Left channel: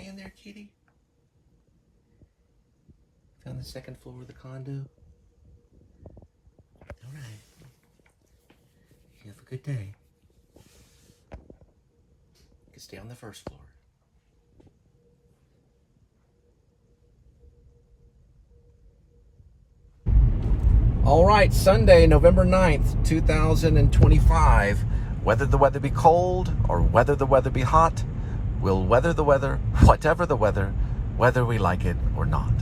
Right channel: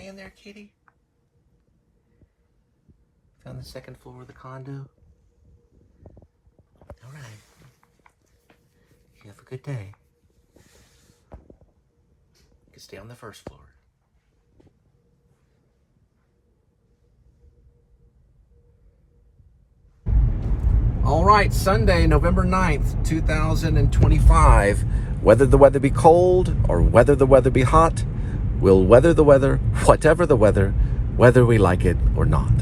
okay in there, kitty? Found the second floor of the condo. All right. You have a good day. You can stay on the first floor. All right, Sunday, November 9th, 2025. Whether the weather be cold or whether the weather be hot, we'll weather the weather, whatever the weather, whether we like it or not.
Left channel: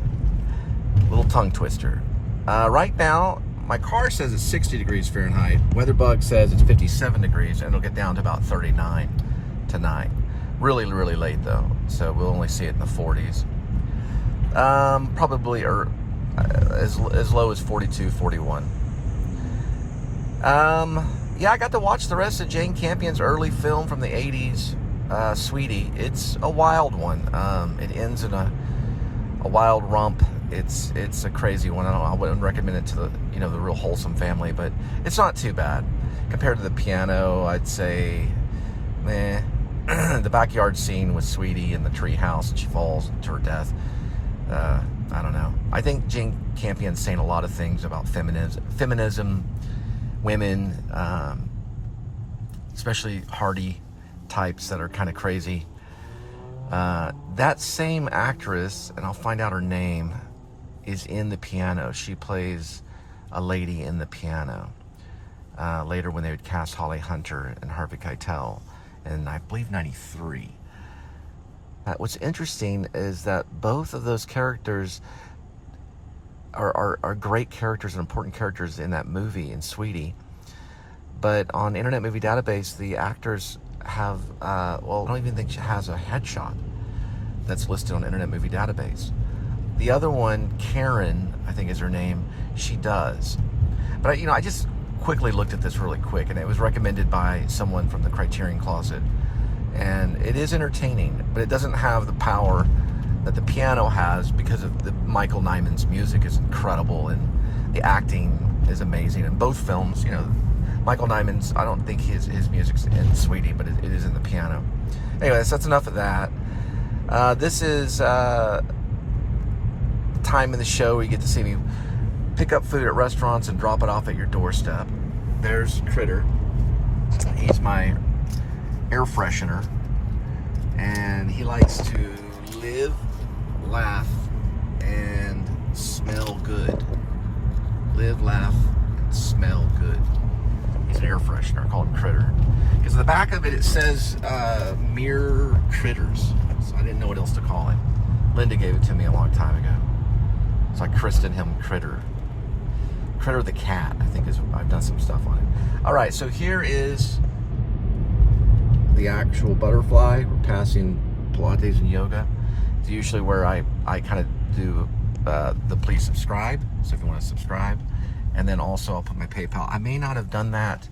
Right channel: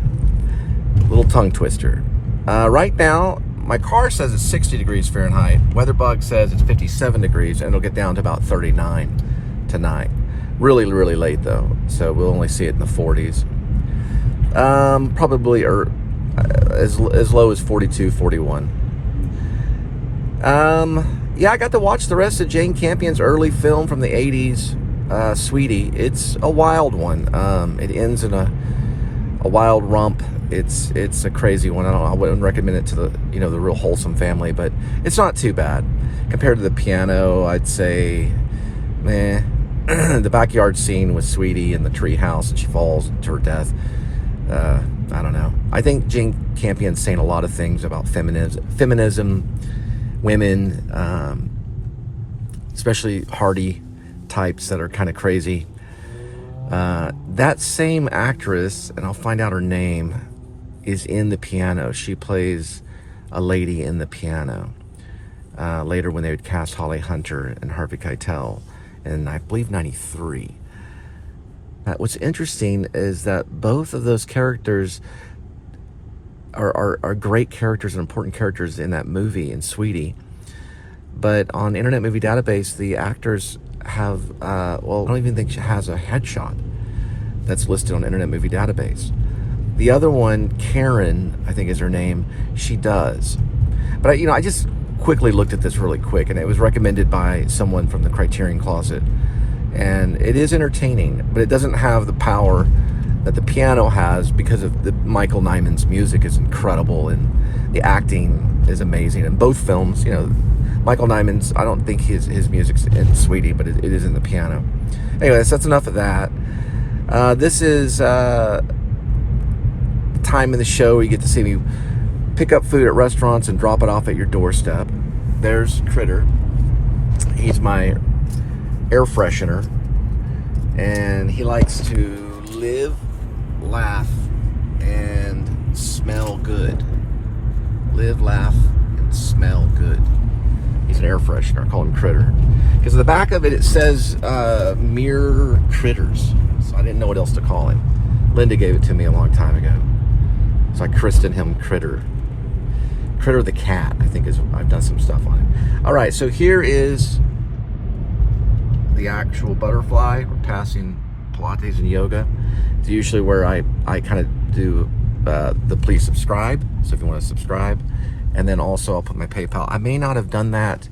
Little tongue twister. Right now, my car says it's 60 degrees Fahrenheit. WeatherBug says it's 57 degrees, and it'll get down to about 39 tonight. Really, really late, though, so we'll only see it in the 40s. Probably as low as 42, 41. Yeah, I got to watch the rest of Jane Campion's early film from the 80s, Sweetie. It's a wild one. It ends in a wild rump. It's a crazy one. I wouldn't recommend it to the the real wholesome family, but it's not too bad compared to The Piano. I'd say, meh. The backyard scene with Sweetie in the tree house and she falls to her death. I don't know. I think Jane Campion's saying a lot of things about feminism, women, especially hardy types that are kind of crazy. That same actress, and I'll find out her name, is in The Piano. She plays a lady in The Piano. Later when they would cast Holly Hunter and Harvey Keitel in, I believe, 93. What's interesting is that both of those characters are great characters and important characters in that movie, in Sweetie. But on Internet Movie Database, the actors have, well, I don't even think she has a headshot that's listed on Internet Movie Database. The other one, Karen, I think is her name, she does. But, I just quickly looked at this really quick, and it was recommended by someone from the Criterion Closet. And it is entertaining, but it doesn't have the power that The Piano has because of Michael Nyman's music is incredible and the acting is amazing. In both films, Michael Nyman's, I don't think his music's in Sweetie, but it is in The Piano. Anyways, that's enough of that. This is time in the show where you get to see me pick up food at restaurants and drop it off at your doorstep. There's Critter. He's my air freshener, and he likes to live, laugh, and smell good. Live, laugh, and smell good. He's an air freshener. I call him Critter because at the back of it says mere critters, so I didn't know what else to call him. Linda gave it to me a long time ago, so I christened him Critter. Critter the cat, I think, I've done some stuff on it. All right, so here is the actual butterfly. We're passing Pilates and yoga. It's usually where I kind of do the please subscribe, so if you want to subscribe, and then also I'll put my PayPal. I may not have done that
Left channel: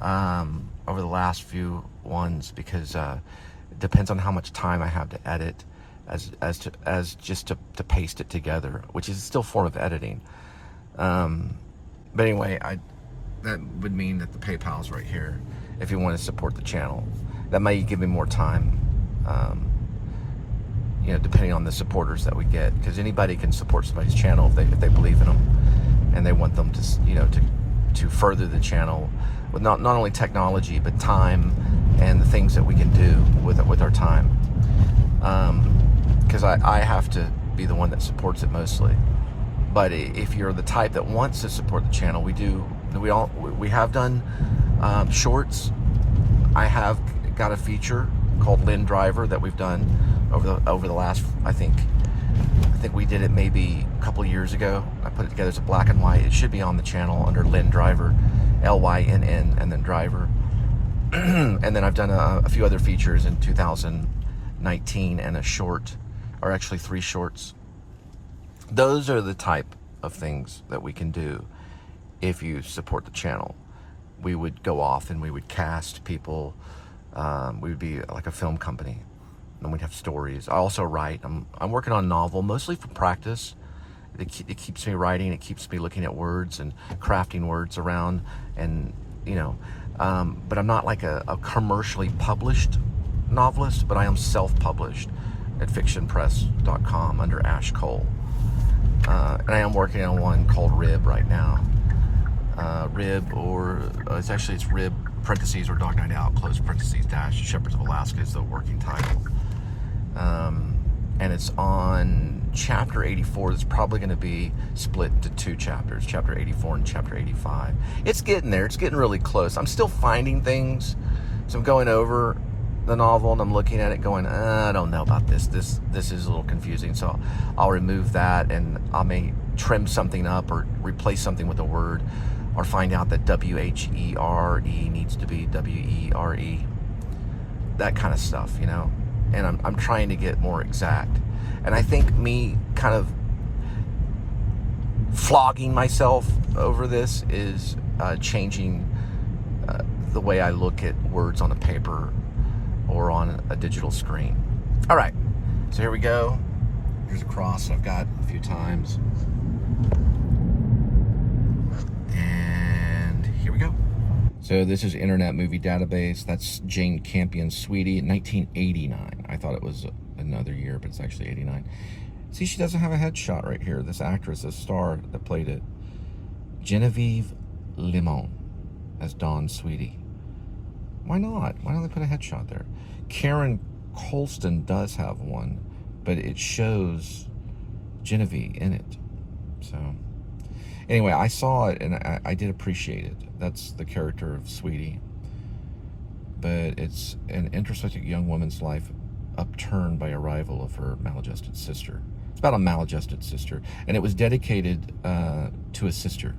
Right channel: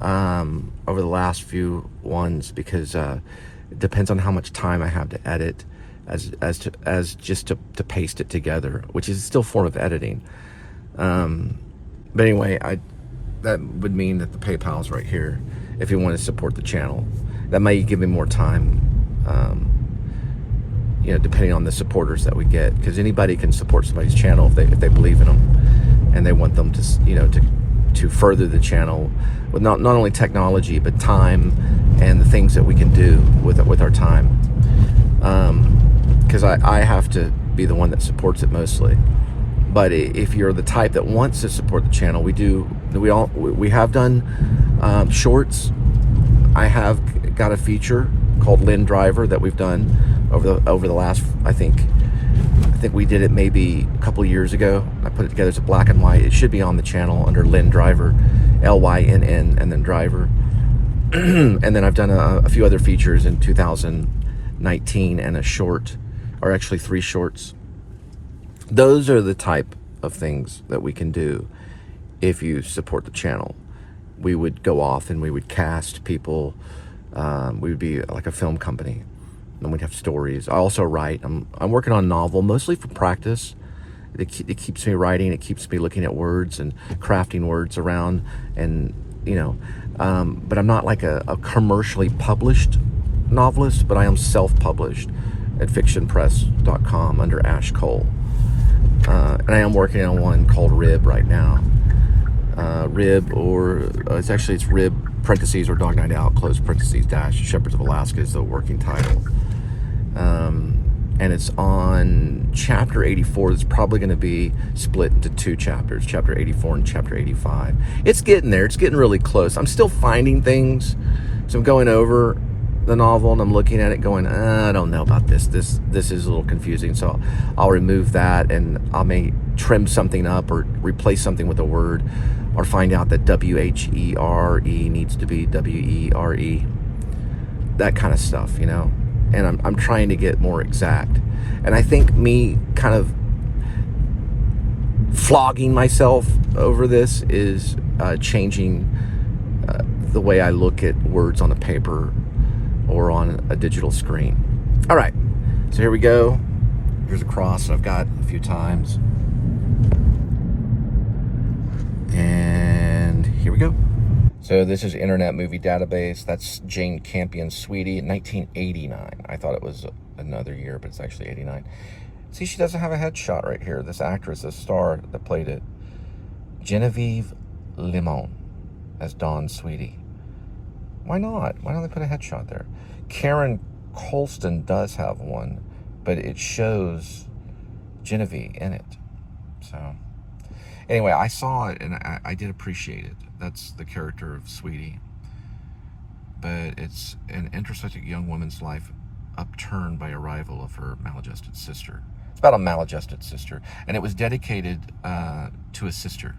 over the last few ones because it depends on how much time I have to edit as just to paste it together, which is still a form of editing. But anyway, that would mean that the PayPal is right here if you want to support the channel. That may give me more time, depending on the supporters that we get, because anybody can support somebody's channel if they believe in them and they want them to further the channel with not only technology but time and the things that we can do with our time. Because I have to be the one that supports it mostly. But if you're the type that wants to support the channel, we have done shorts. I have got a feature called Lynn Driver that we've done over the last, I think we did it maybe a couple of years ago. I put it together as a black and white. It should be on the channel under Lynn Driver, Lynn, and then Driver. And then I've done a few other features in 2019 and a short, or actually 3 shorts. Those are the type of things that we can do if you support the channel. We would go off and we would cast people. We would be like a film company, and we'd have stories. I also write. I'm working on a novel, mostly for practice. It keeps me writing. It keeps me looking at words and crafting words around, and but I'm not like a commercially published novelist, but I am self-published. at fictionpress.com under Ash Cole. And I am working on one called Rib right now. Rib, or it's Rib parentheses or Dog Night Out close parentheses dash Shepherds of Alaska is the working title. And it's on chapter 84. It's probably going to be split into 2 chapters, chapter 84 and chapter 85. It's getting there. It's getting really close. I'm still finding things. So I'm going over the novel and I'm looking at it going, I don't know about this. This is a little confusing. So I'll remove that, and I may trim something up or replace something with a word, or find out that W-H-E-R-E needs to be W-E-R-E. That kind of stuff, you know? And I'm trying to get more exact. And I think me kind of flogging myself over this is changing the way I look at words on a paper or on a digital screen. All right, so here we go. Here's a cross I've got a few times. And here we go. So this is Internet Movie Database. That's Jane Campion's Sweetie in 1989. I thought it was another year, but it's actually 89. See, she doesn't have a headshot right here. This actress, this star that played it, Genevieve Limon as Dawn Sweetie. Why not? Why don't they put a headshot there? Karen Colston does have one, but it shows Genevieve in it. So anyway, I saw it and I did appreciate it. That's the character of Sweetie. But it's an introspective young woman's life upturned by arrival of her maladjusted sister. It's about a maladjusted sister. And it was dedicated to a sister.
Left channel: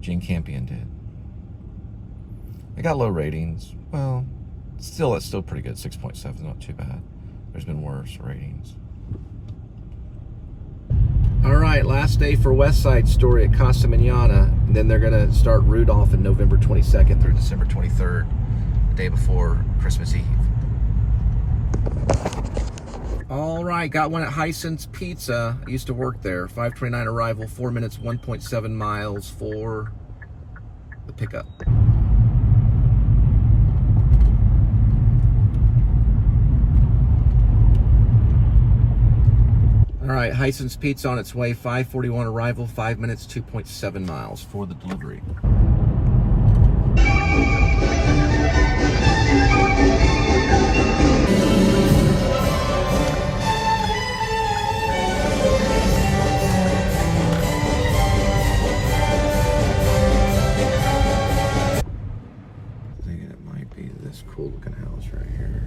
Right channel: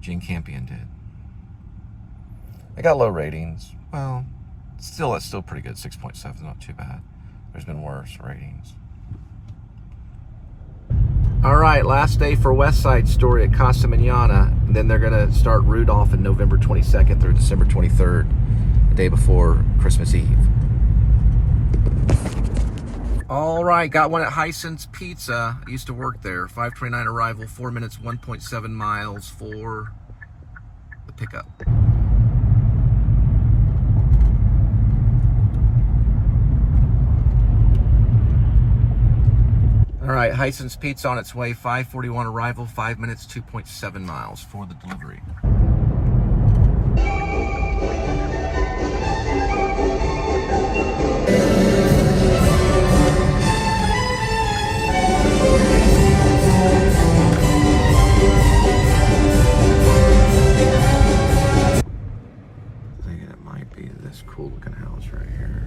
Jane Campion did. It got low ratings. Well, it's still pretty good. 6.7, not too bad. There's been worse ratings. All right, last day for West Side Story at Casa Manana. And then they're going to start Rudolph on November 22nd through December 23rd, the day before Christmas Eve. All right, got one at Hyson's Pizza. I used to work there. 5:29 arrival, 4 minutes, 1.7 miles for the pickup. All right, Hyson's Pizza on its way. 5:41 arrival, 5 minutes, 2.7 miles for the delivery. Thinking it might be this cool looking house right here.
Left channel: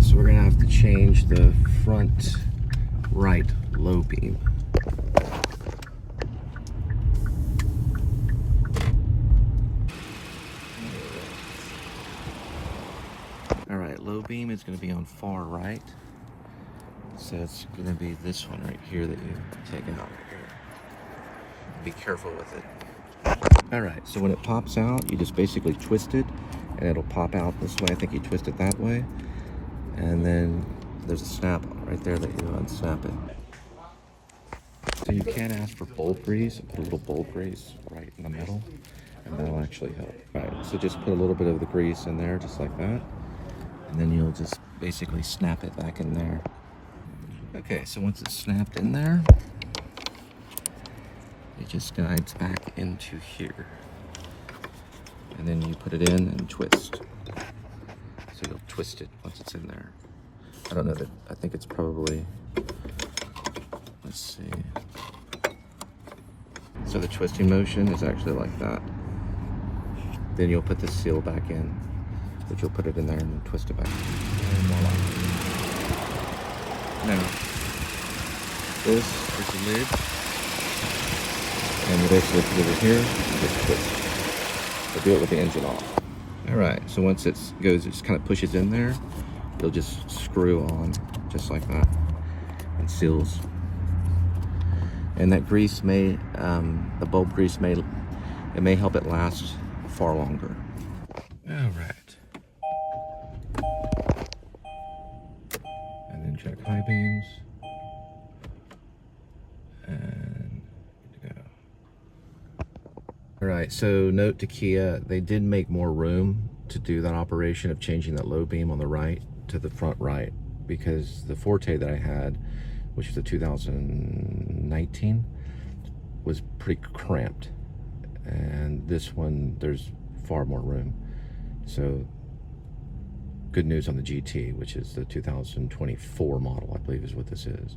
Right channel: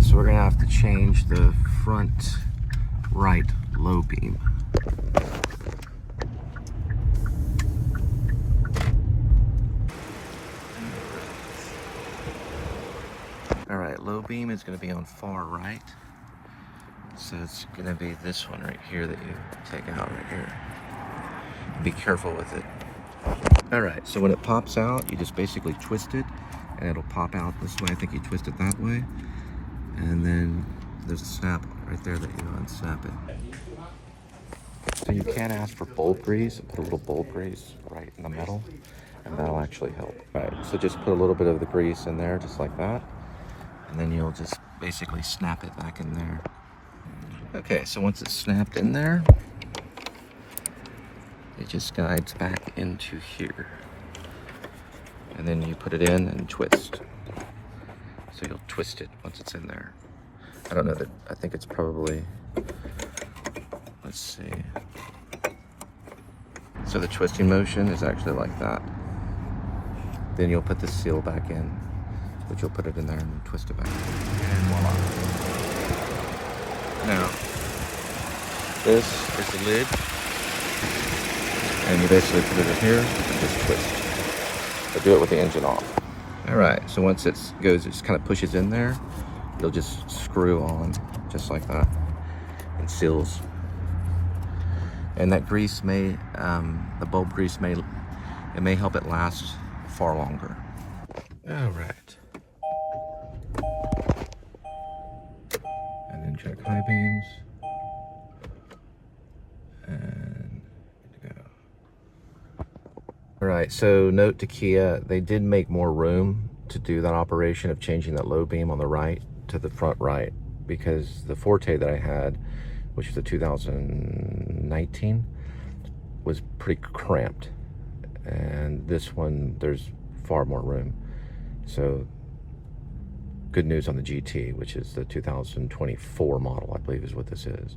So we're gonna have to change the front right low beam. All right, low beam is gonna be on far right. So it's gonna be this one right here that you take out right here. Be careful with it. All right, so when it pops out, you just basically twist it and it'll pop out this way. I think you twist it that way. And then there's a snap right there that you unsnap it. So you can ask for bolt grease. Put a little bolt grease right in the middle, and that'll actually help. All right, so just put a little bit of the grease in there, just like that. And then you'll just basically snap it back in there. Okay, so once it's snapped in there, it just guides back into here. And then you put it in and twist. So you'll twist it once it's in there. I don't know that, I think it's probably, let's see. So the twisting motion is actually like that. Then you'll put the seal back in, which you'll put it in there and then twist it back. Now, this is the lid. And you basically put it in here and just twist. But do it with the engine off. All right, so once it goes, it just kind of pushes in there, you'll just screw on, just like that, and seals. And that grease may, the bulb grease may help it last far longer. All right. And then check high beams. And good to go. All right, so note to Kia, they did make more room to do that operation of changing that low beam on the right to the front right, because the Forte that I had, which was a 2019, was pretty cramped. And this one, there's far more room. So good news on the GT, which is the 2024 model, I believe is what this is.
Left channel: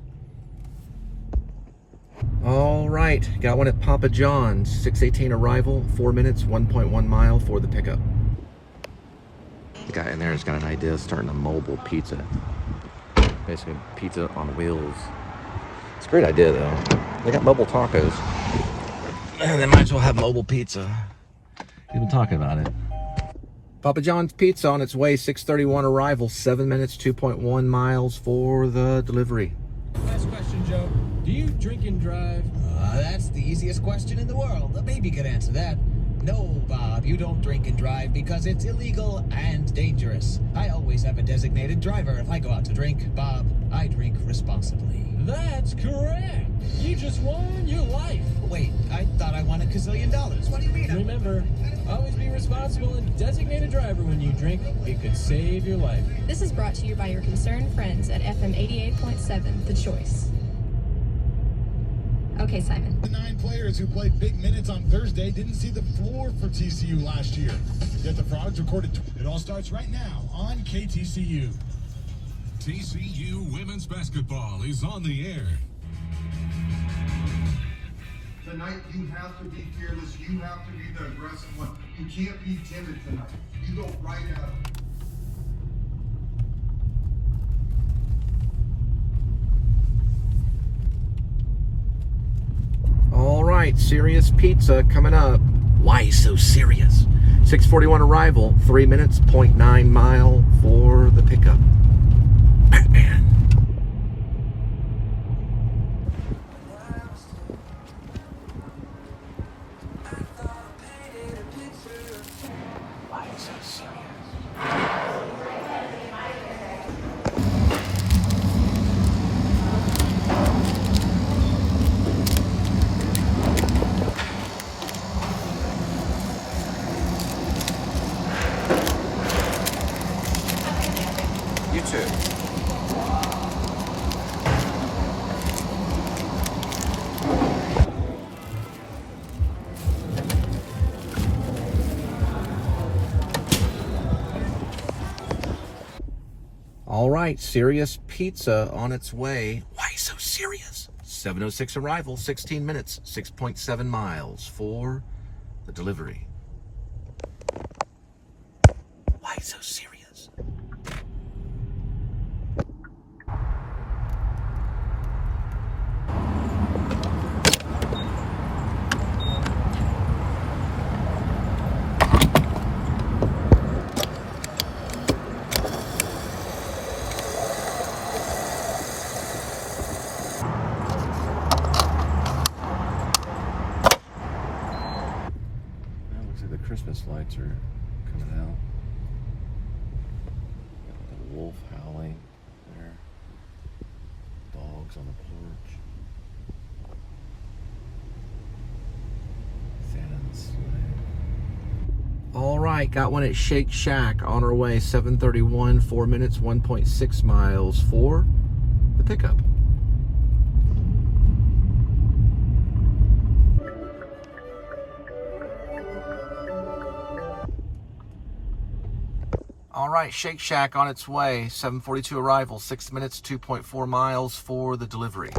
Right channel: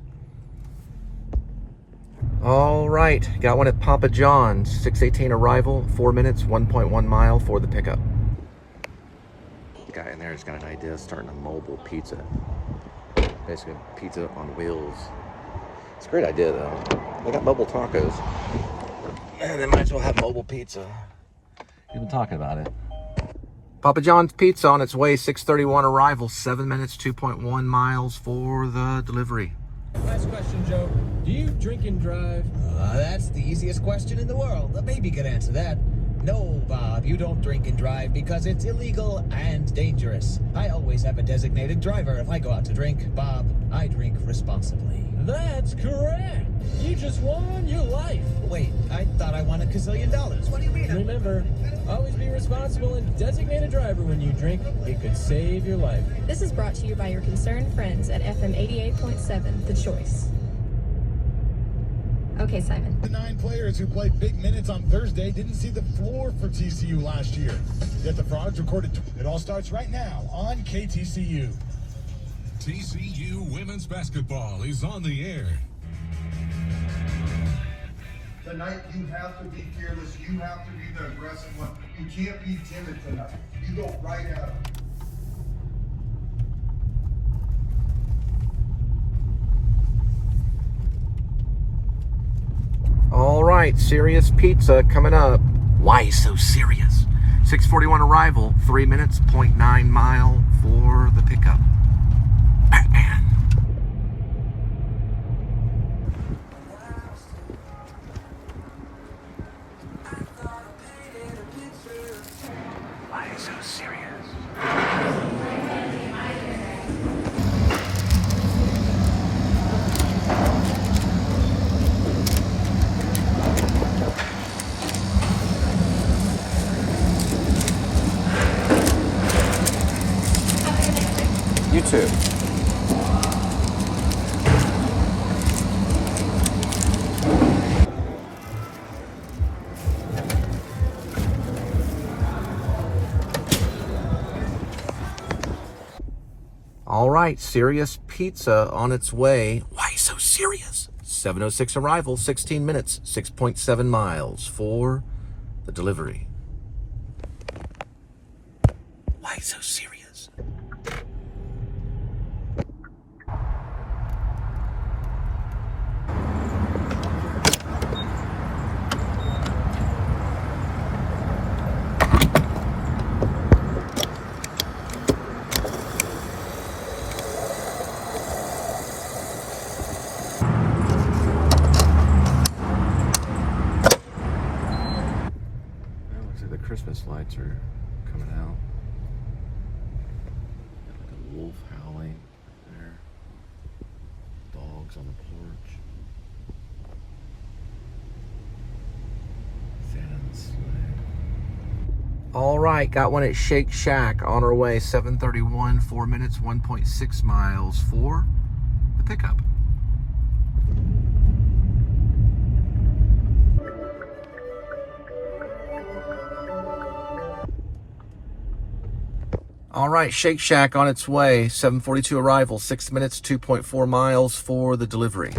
All right, got one at Papa John's, 6:18 arrival, 4 minutes, 1.1 mile for the pickup. The guy in there has got an idea of starting a mobile pizza. Basically, pizza on wheels. It's a great idea, though. They got mobile tacos. And they might as well have mobile pizza. We've been talking about it. Papa John's Pizza on its way, 6:31 arrival, 7 minutes, 2.1 miles for the delivery. Last question, Joe. Do you drink and drive? That's the easiest question in the world. A baby could answer that. No, Bob, you don't drink and drive because it's illegal and dangerous. I always have a designated driver if I go out to drink. Bob, I drink responsibly. That's correct. You just won your life. Wait, I thought I won $1 gazillion. What do you mean? Remember, always be responsible and designate a driver when you drink. It could save your life. This is brought to you by your concerned friends at FM 88.7, The Choice. Okay, Simon. The 9 players who played big minutes on Thursday didn't see the floor for TCU last year. Yet the Frogs recorded. It all starts right now on KTCU. TCU women's basketball is on the air. Tonight, you have to be fearless. You have to be the aggressive one. You can't be timid tonight. You go right at it. All right, serious pizza coming up. Why so serious? 6:41 arrival, 3 minutes, 0.9 mile for the pickup. Batman. Why so serious? YouTube. All right, serious pizza on its way. Why so serious? 7:06 arrival, 16 minutes, 6.7 miles for the delivery. Why so serious? Looks like the Christmas lights are coming out. The wolf howling there. Dogs on the porch. Santa on the sled. All right, got one at Shake Shack on our way. 7:31, 4 minutes, 1.6 miles for the pickup. All right, Shake Shack on its way. 7:42 arrival, 6 minutes, 2.4 miles for the delivery.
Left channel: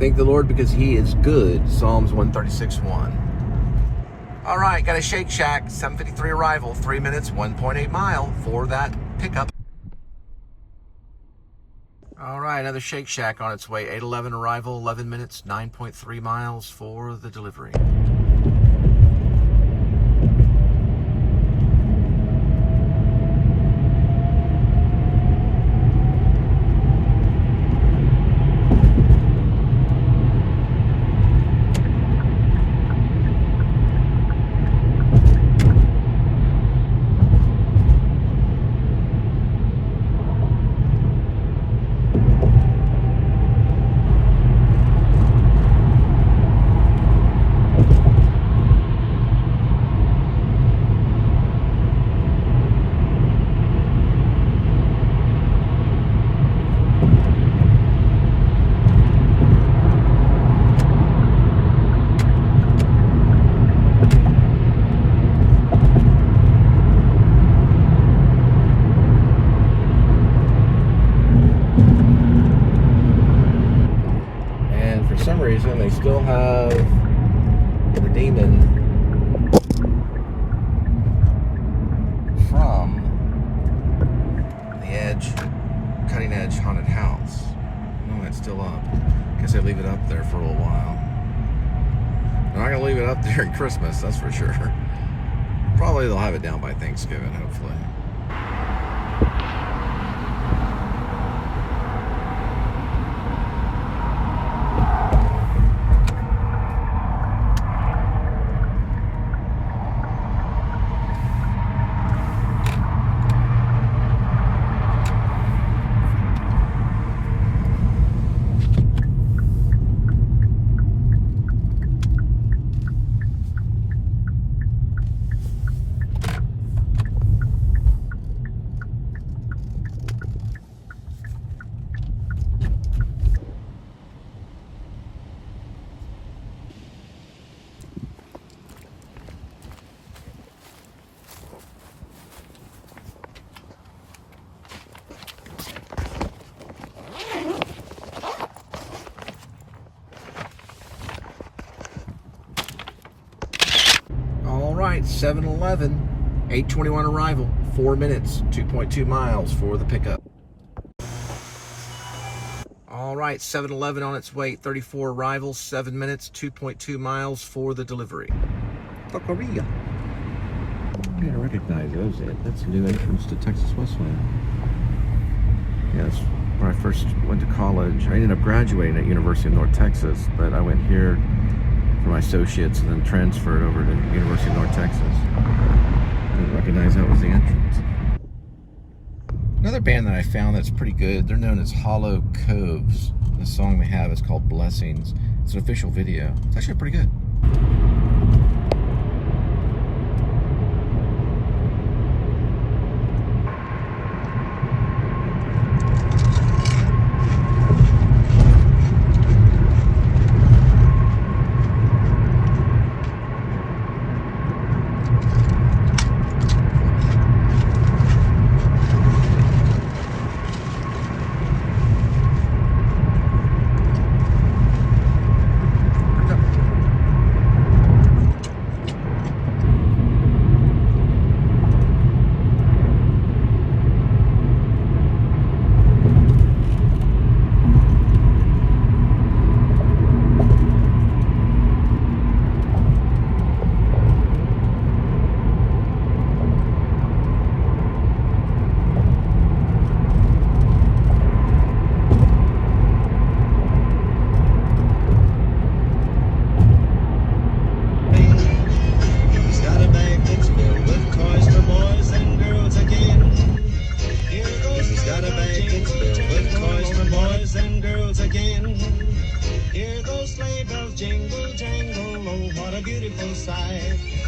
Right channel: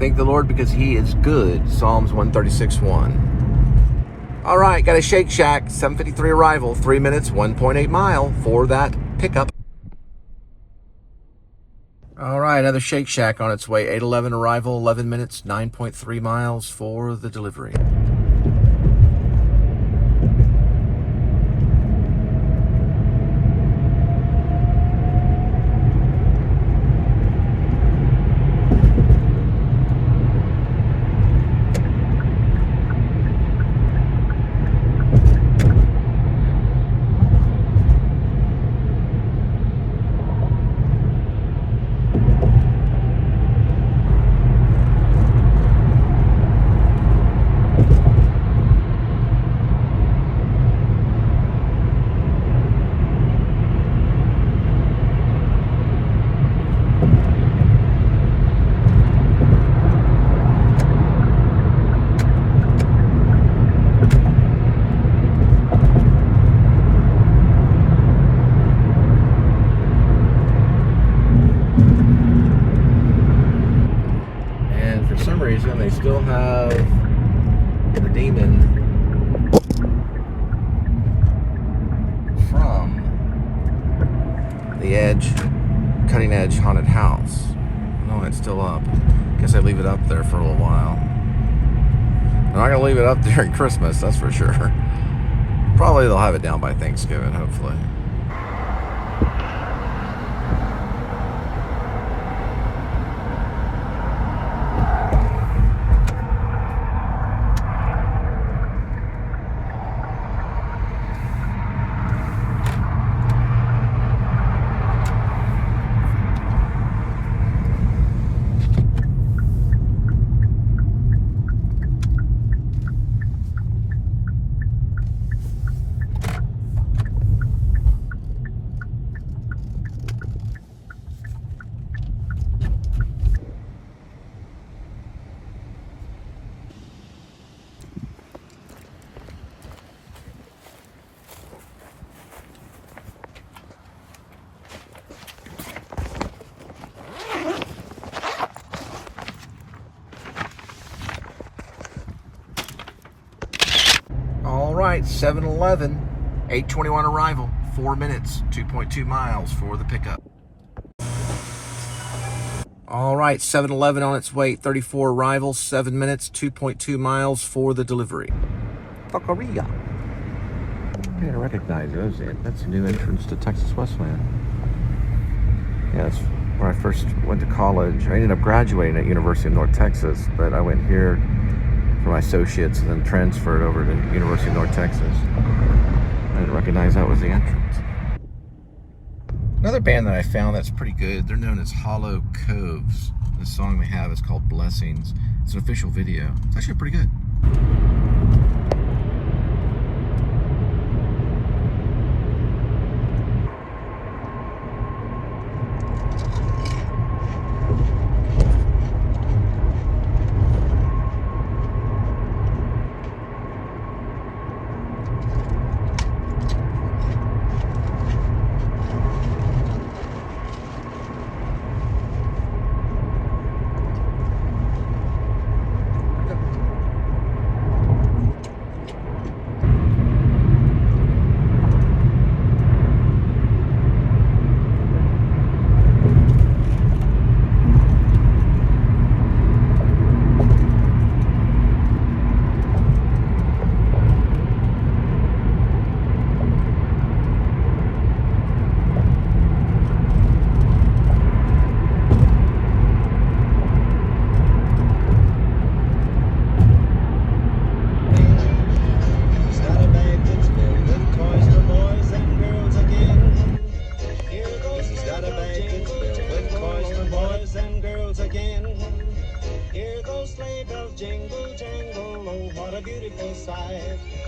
Thank the Lord because He is good. Psalms 136:1. All right, got a Shake Shack, 7:53 arrival, 3 minutes, 1.8 mile for that pickup. All right, another Shake Shack on its way, 8:11 arrival, 11 minutes, 9.3 miles for the delivery. They still have the demon from the cutting edge haunted house. No, it's still up. Guess I leave it up there for a little while. I'm not gonna leave it up during Christmas, that's for sure. Probably they'll have it down by Thanksgiving, hopefully. All right, 7-11, 8:21 arrival, 4 minutes, 2.2 miles for the pickup. All right, 7-11 on its way, 34 arrival, 7 minutes, 2.2 miles for the delivery. Taqueria. I gotta recognize those. That's a new entrance to Texas Western. Yeah, that's where I first went to college. I ended up graduating at University of North Texas, but I went here for my associates and then transferred over to University of North Texas. I didn't recognize that was the entrance. Another band that I found that's pretty good, they're known as Hollow Coves. The song they have is called Blessings. It's an official video. It's actually pretty good.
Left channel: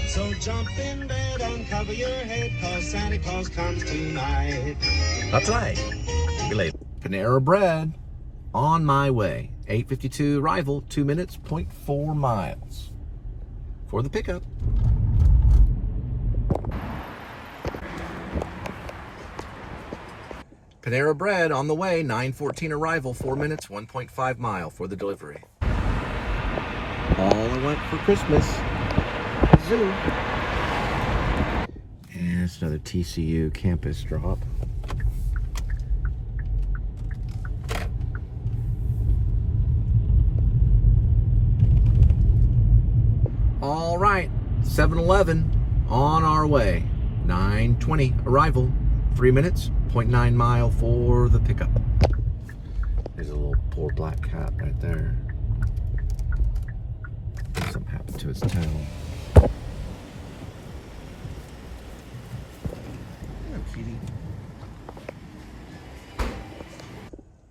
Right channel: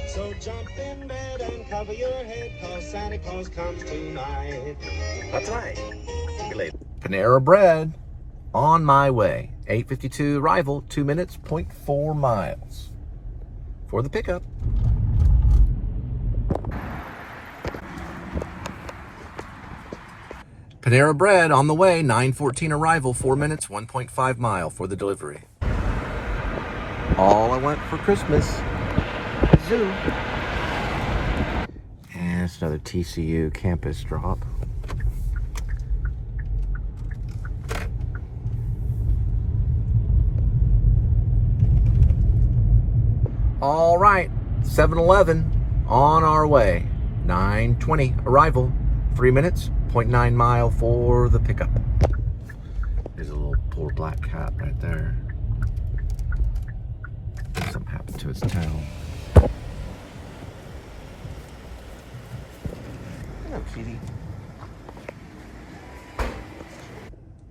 So jump in bed and cover your head, cause Santa Claus comes tonight. Not tonight. Be late. Panera Bread on my way. 8:52 arrival, 2 minutes, 0.4 miles for the pickup. Panera Bread on the way, 9:14 arrival, 4 minutes, 1.5 mile for the delivery. all I want for Christmas. Zoo. And it's another TCU campus drop. All right, 7-Eleven on our way. 9:20 arrival, 3 minutes, 0.9 mile for the pickup. There's a little poor black cat right there. Something happened to its tail. Hello, kitty.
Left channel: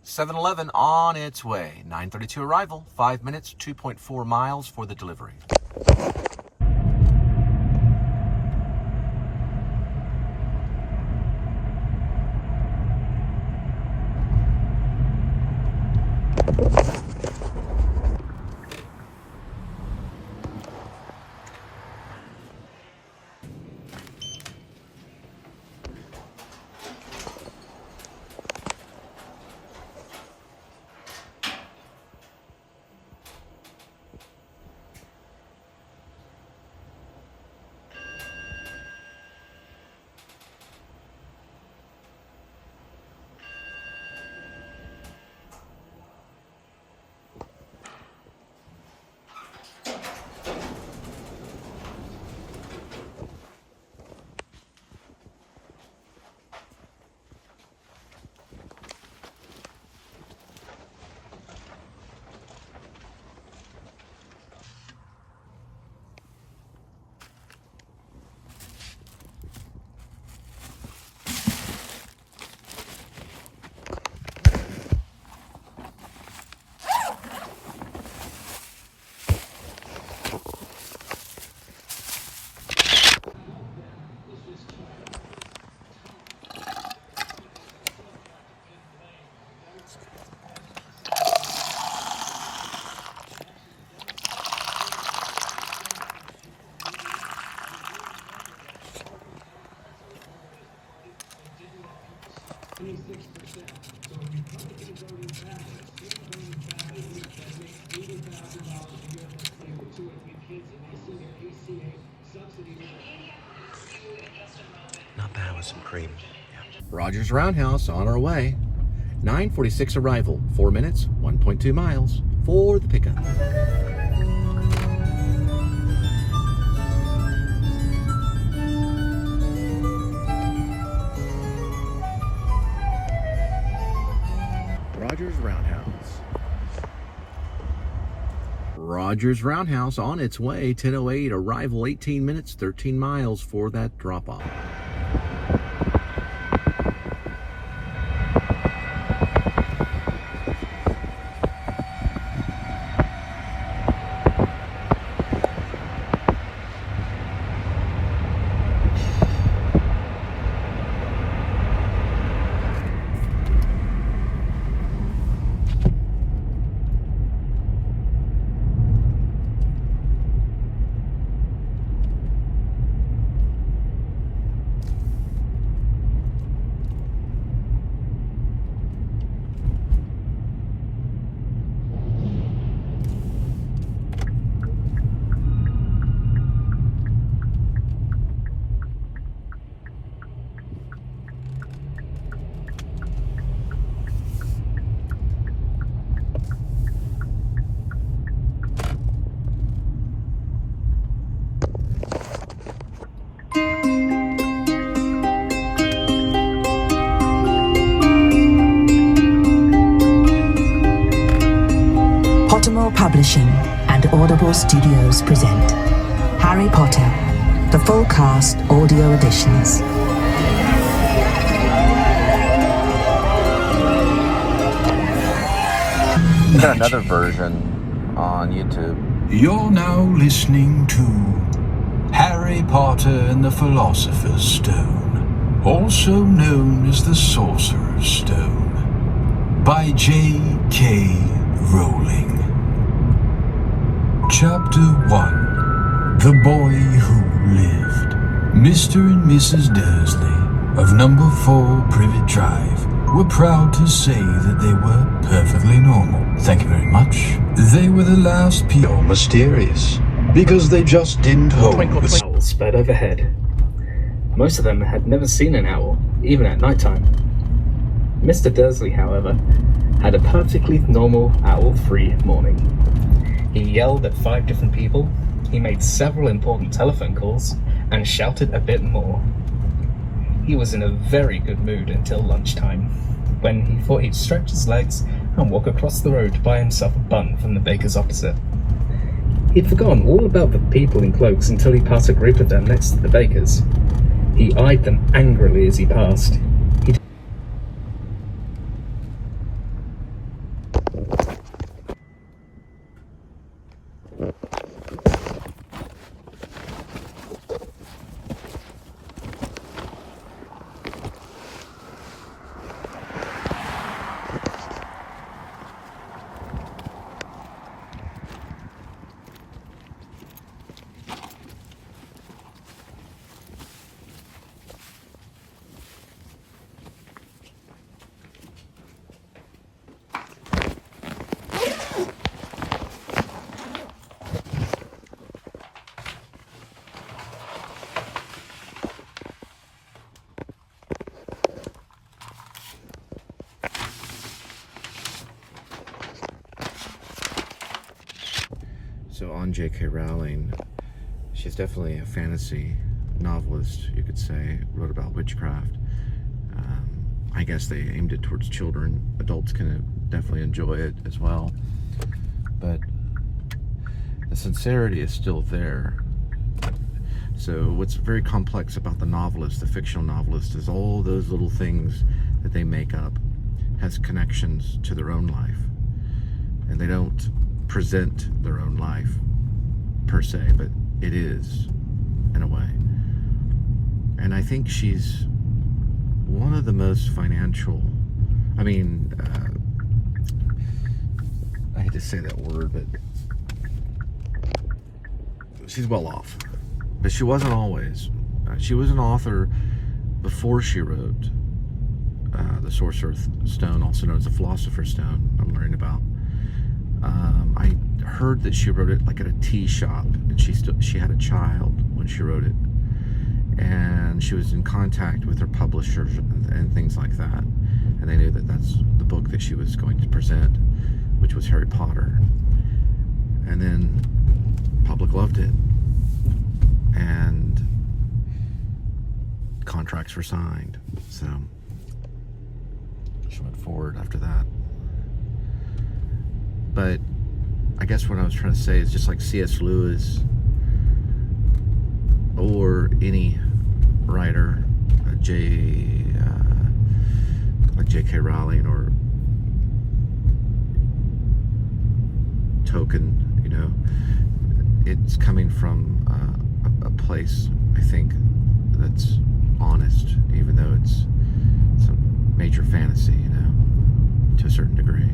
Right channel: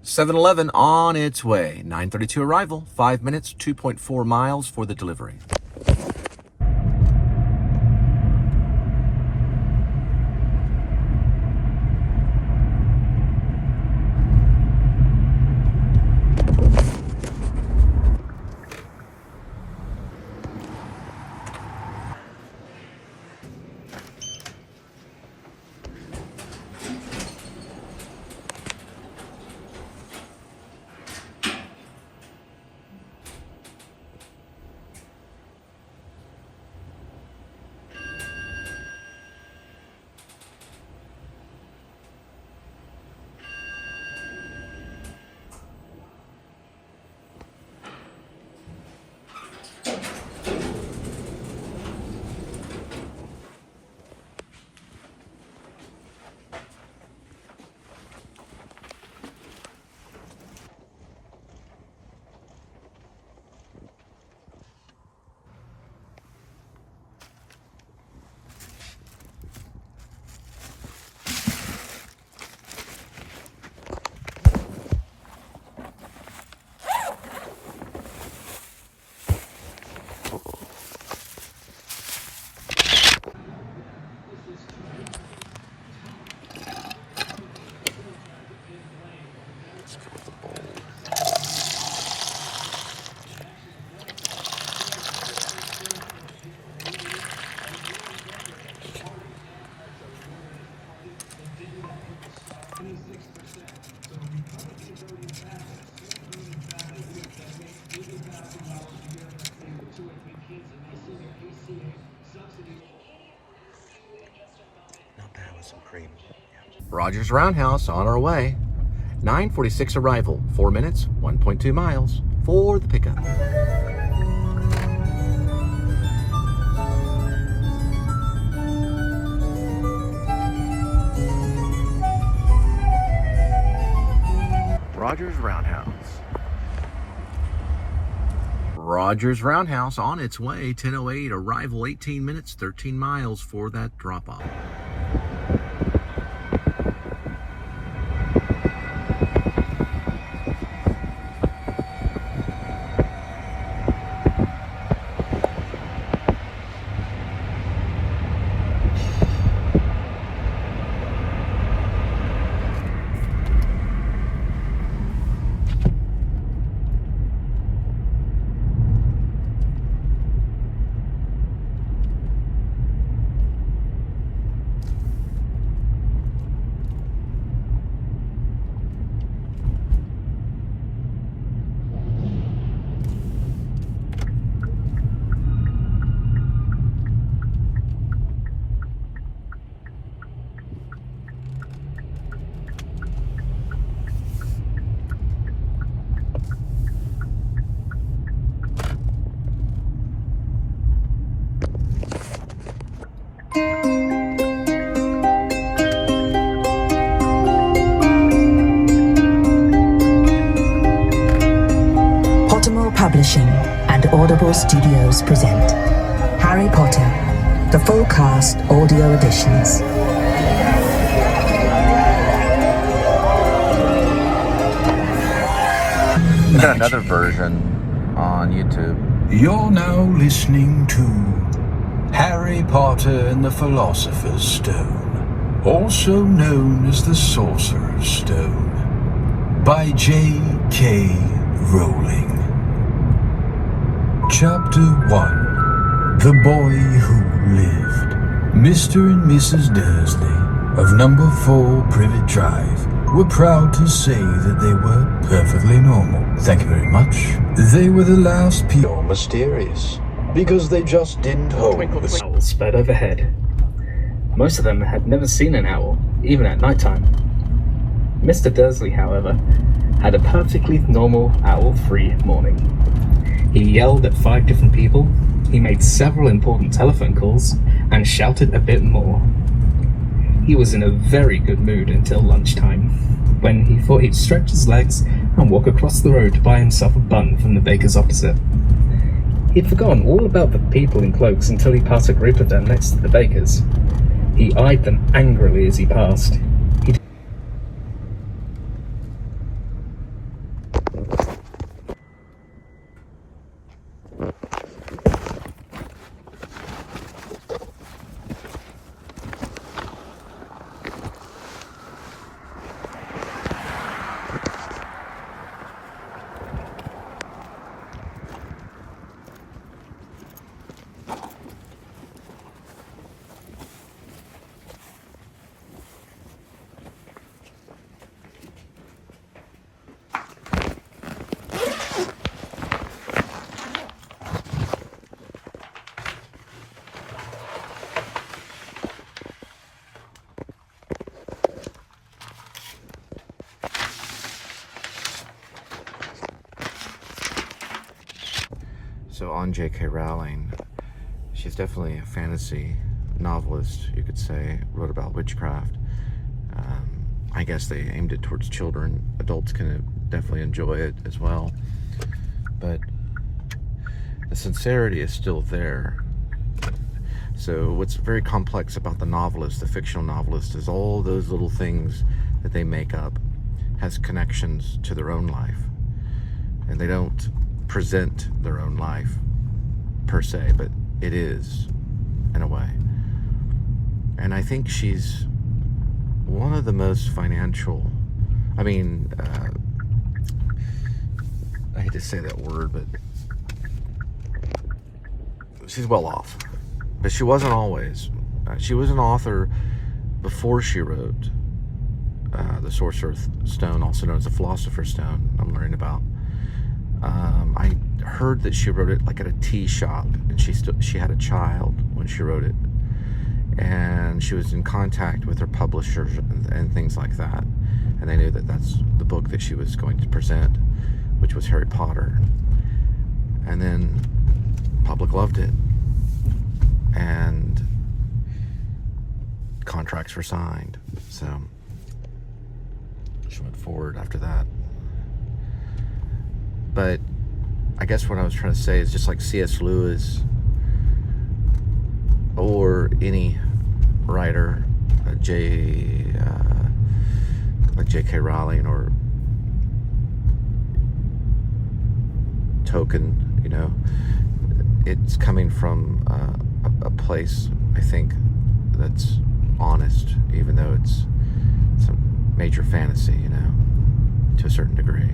7-Eleven on its way. 9:32 arrival, 5 minutes, 2.4 miles for the delivery. Not bad with some cream. Yeah. Rogers Roundhouse on our way. 9:46 arrival, 4 minutes, 1.2 miles for the pickup. Rogers Roundhouse. Rogers Roundhouse on its way, 10:08 arrival, 18 minutes, 13 miles for that drop-off. Publishing and Audible Studios present Harry Potter, the full cast audio editions. Another version on YouTube. You're now listening to Harry Potter and the Philosopher's Stone, also known as the Sorcerer's Stone, by J.K. Rowling. Chapter 1. The Boy Who Lived. Mr. and Mrs. Dursley of number 4 Privet Drive were proud to say that they were perfectly normal. Thank you very much. They were the last people mysterious, because they just didn't hold the Owls sped overhead. Most of them had never seen an owl, even at nighttime. Mr. Dursley, however, had a perfectly normal owl-free morning. He yelled at 5 different people, he made several important telephone calls, and shouted a bit more. He was in a very good mood until lunchtime, when he thought he'd stretch his legs and walk across the road to buy himself a bun from the baker's opposite. He'd forgotten all about the people in cloaks until he passed a group of them next to the baker's. He eyed them angrily as he passed. So on J.K. Rowling, she's definitely a fantasy novelist, you could say. Wrote about witchcraft. I guess they aimed it towards children. Adults can definitely enjoy it as well. But the sincerity is still there. So what's very complex about the novelist, the fictional novelist, is all those little things that they make up has connections to their own life. And they don't present their own life per se, but it is in a way. And I think she's one of the most financial, I hate to say that word, but she's well off. But she wasn't always. She was an author before she wrote the Sorcerer's Stone, also known as the Philosopher's Stone, I'm learning about. I heard that she wrote it like at a tea shop, and she had a child when she wrote it, and she was in contact with her publishers and things like that, and they knew that that's the book that she was going to present, which was Harry Potter. And then public loved it, and contracts were signed, so she went forward after that. But I guess what I was trying to say is, just like C.S. Lewis or any writer, like J.K. Rowling or Tolkien, you know, it's coming from a place, I think, that's honest, even though it's some major fantasy, you know, to a certain degree.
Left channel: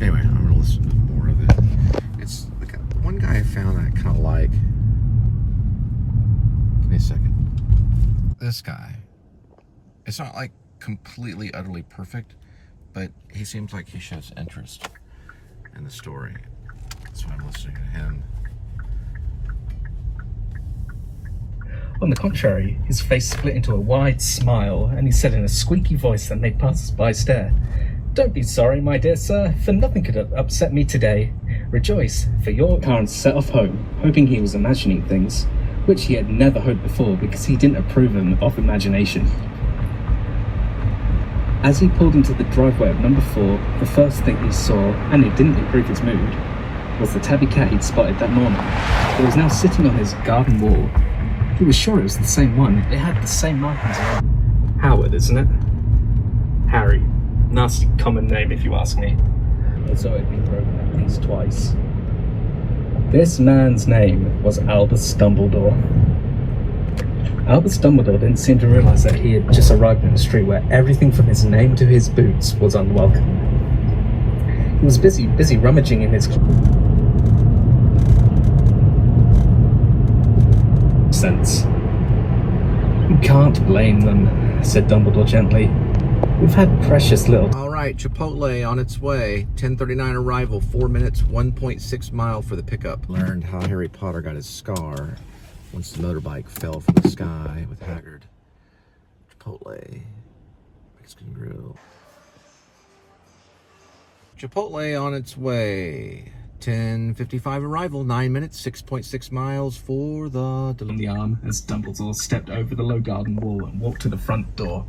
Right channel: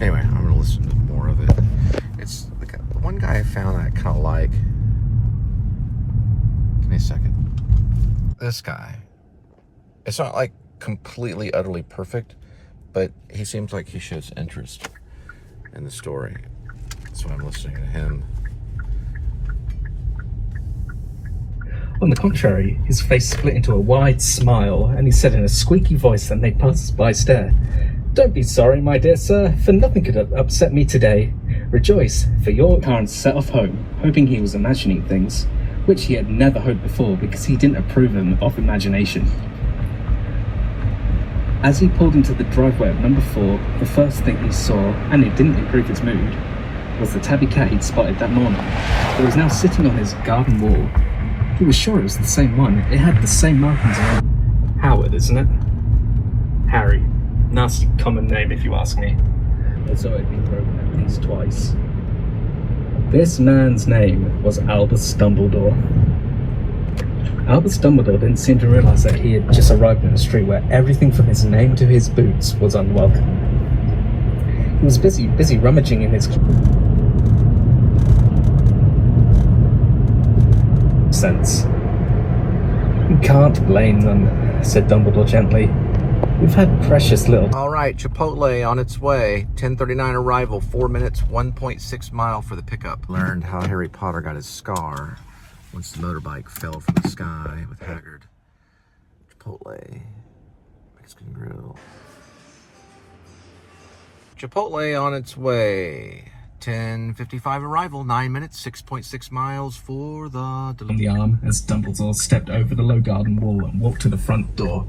Anyway, I'm going to listen to more of it. It's like one guy I found that I kind of like. Give me a second. This guy. It's not like completely, utterly perfect, but he seems like he shows interest in the story. That's why I'm listening to him. On the contrary, his face split into a wide smile, and he said in a squeaky voice that made passers-by stare, "Don't be sorry, my dear sir, for nothing could have upset me today. Rejoice, for your..." Carnes set off home, hoping he was imagining things, which he had never hoped before because he didn't approve of imagination. As he pulled into the driveway of number 4, the first thing he saw, and it didn't improve his mood, was the tabby cat he'd spotted that morning. It was now sitting on his garden wall. He was sure it was the same one. It had the same markings on it. Howard, isn't it? Harry. Nasty common name, if you ask me. As though it had been broken at least twice. This man's name was Albus Dumbledore. Albus Dumbledore didn't seem to realise that he had just arrived in a street where everything from his name to his boots was unwelcome. He was busy rummaging in his sense. You can't blame them. said Dumbledore gently. We've had precious little... All right, Chipotle on its way. 10:39 arrival, 4 minutes, 1.6 mile for the pickup. Learned how Harry Potter got his scar once the motorbike fell from the sky with Haggard. Chipotle. Mexican grill. Chipotle on its way. 10:55 arrival, 9 minutes, 6.6 miles for the... on the arm as Dumbledore stepped over the low garden wall and walked to the front door.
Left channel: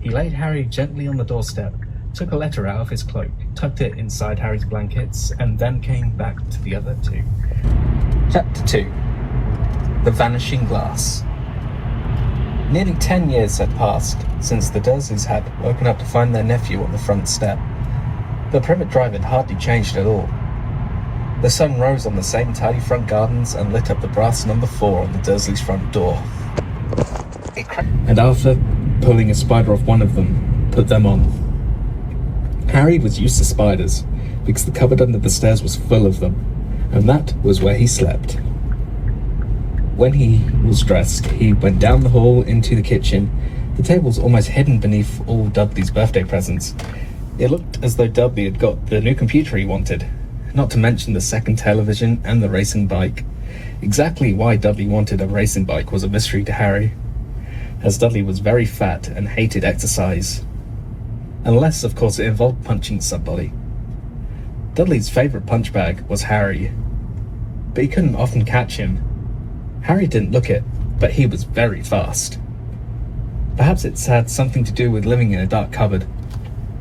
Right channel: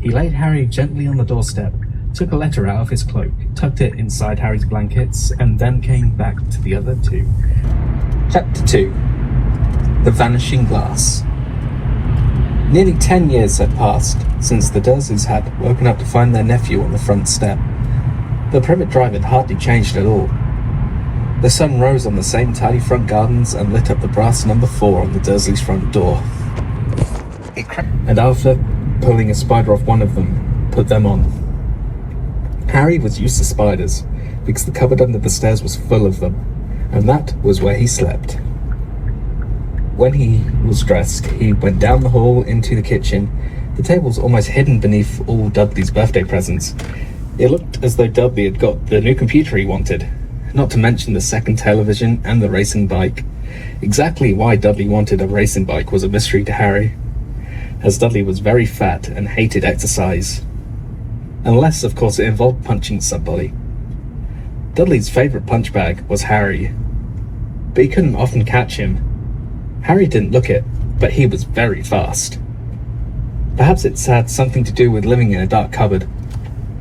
He laid Harry gently on the doorstep, took a letter out of his cloak, tucked it inside Harry's blankets, and then came back to the other two. Chapter 2. The Vanishing Glass. Nearly 10 years had passed since the Dursleys had woken up to find their nephew on the front step. The Privet Drive had hardly changed at all. The sun rose on the same tidy front gardens and lit up the brass number 4 on the Dursleys' front door. And after pulling a spider off one of them, put them on. Harry was used to spiders, because the cupboard under the stairs was full of them, and that was where he slept. When he was dressed, he went down the hall into the kitchen. The table was almost hidden beneath all Dudley's birthday presents. It looked as though Dudley had got the new computer he wanted, not to mention the second television and the racing bike. Exactly why Dudley wanted a racing bike was a mystery to Harry, as Dudley was very fat and hated exercise. Unless, of course, it involved punching somebody. Dudley's favourite punch bag was Harry, but he couldn't often catch him. Harry didn't look it, but he was very fast. Perhaps it's had something to do with living in a dark cupboard,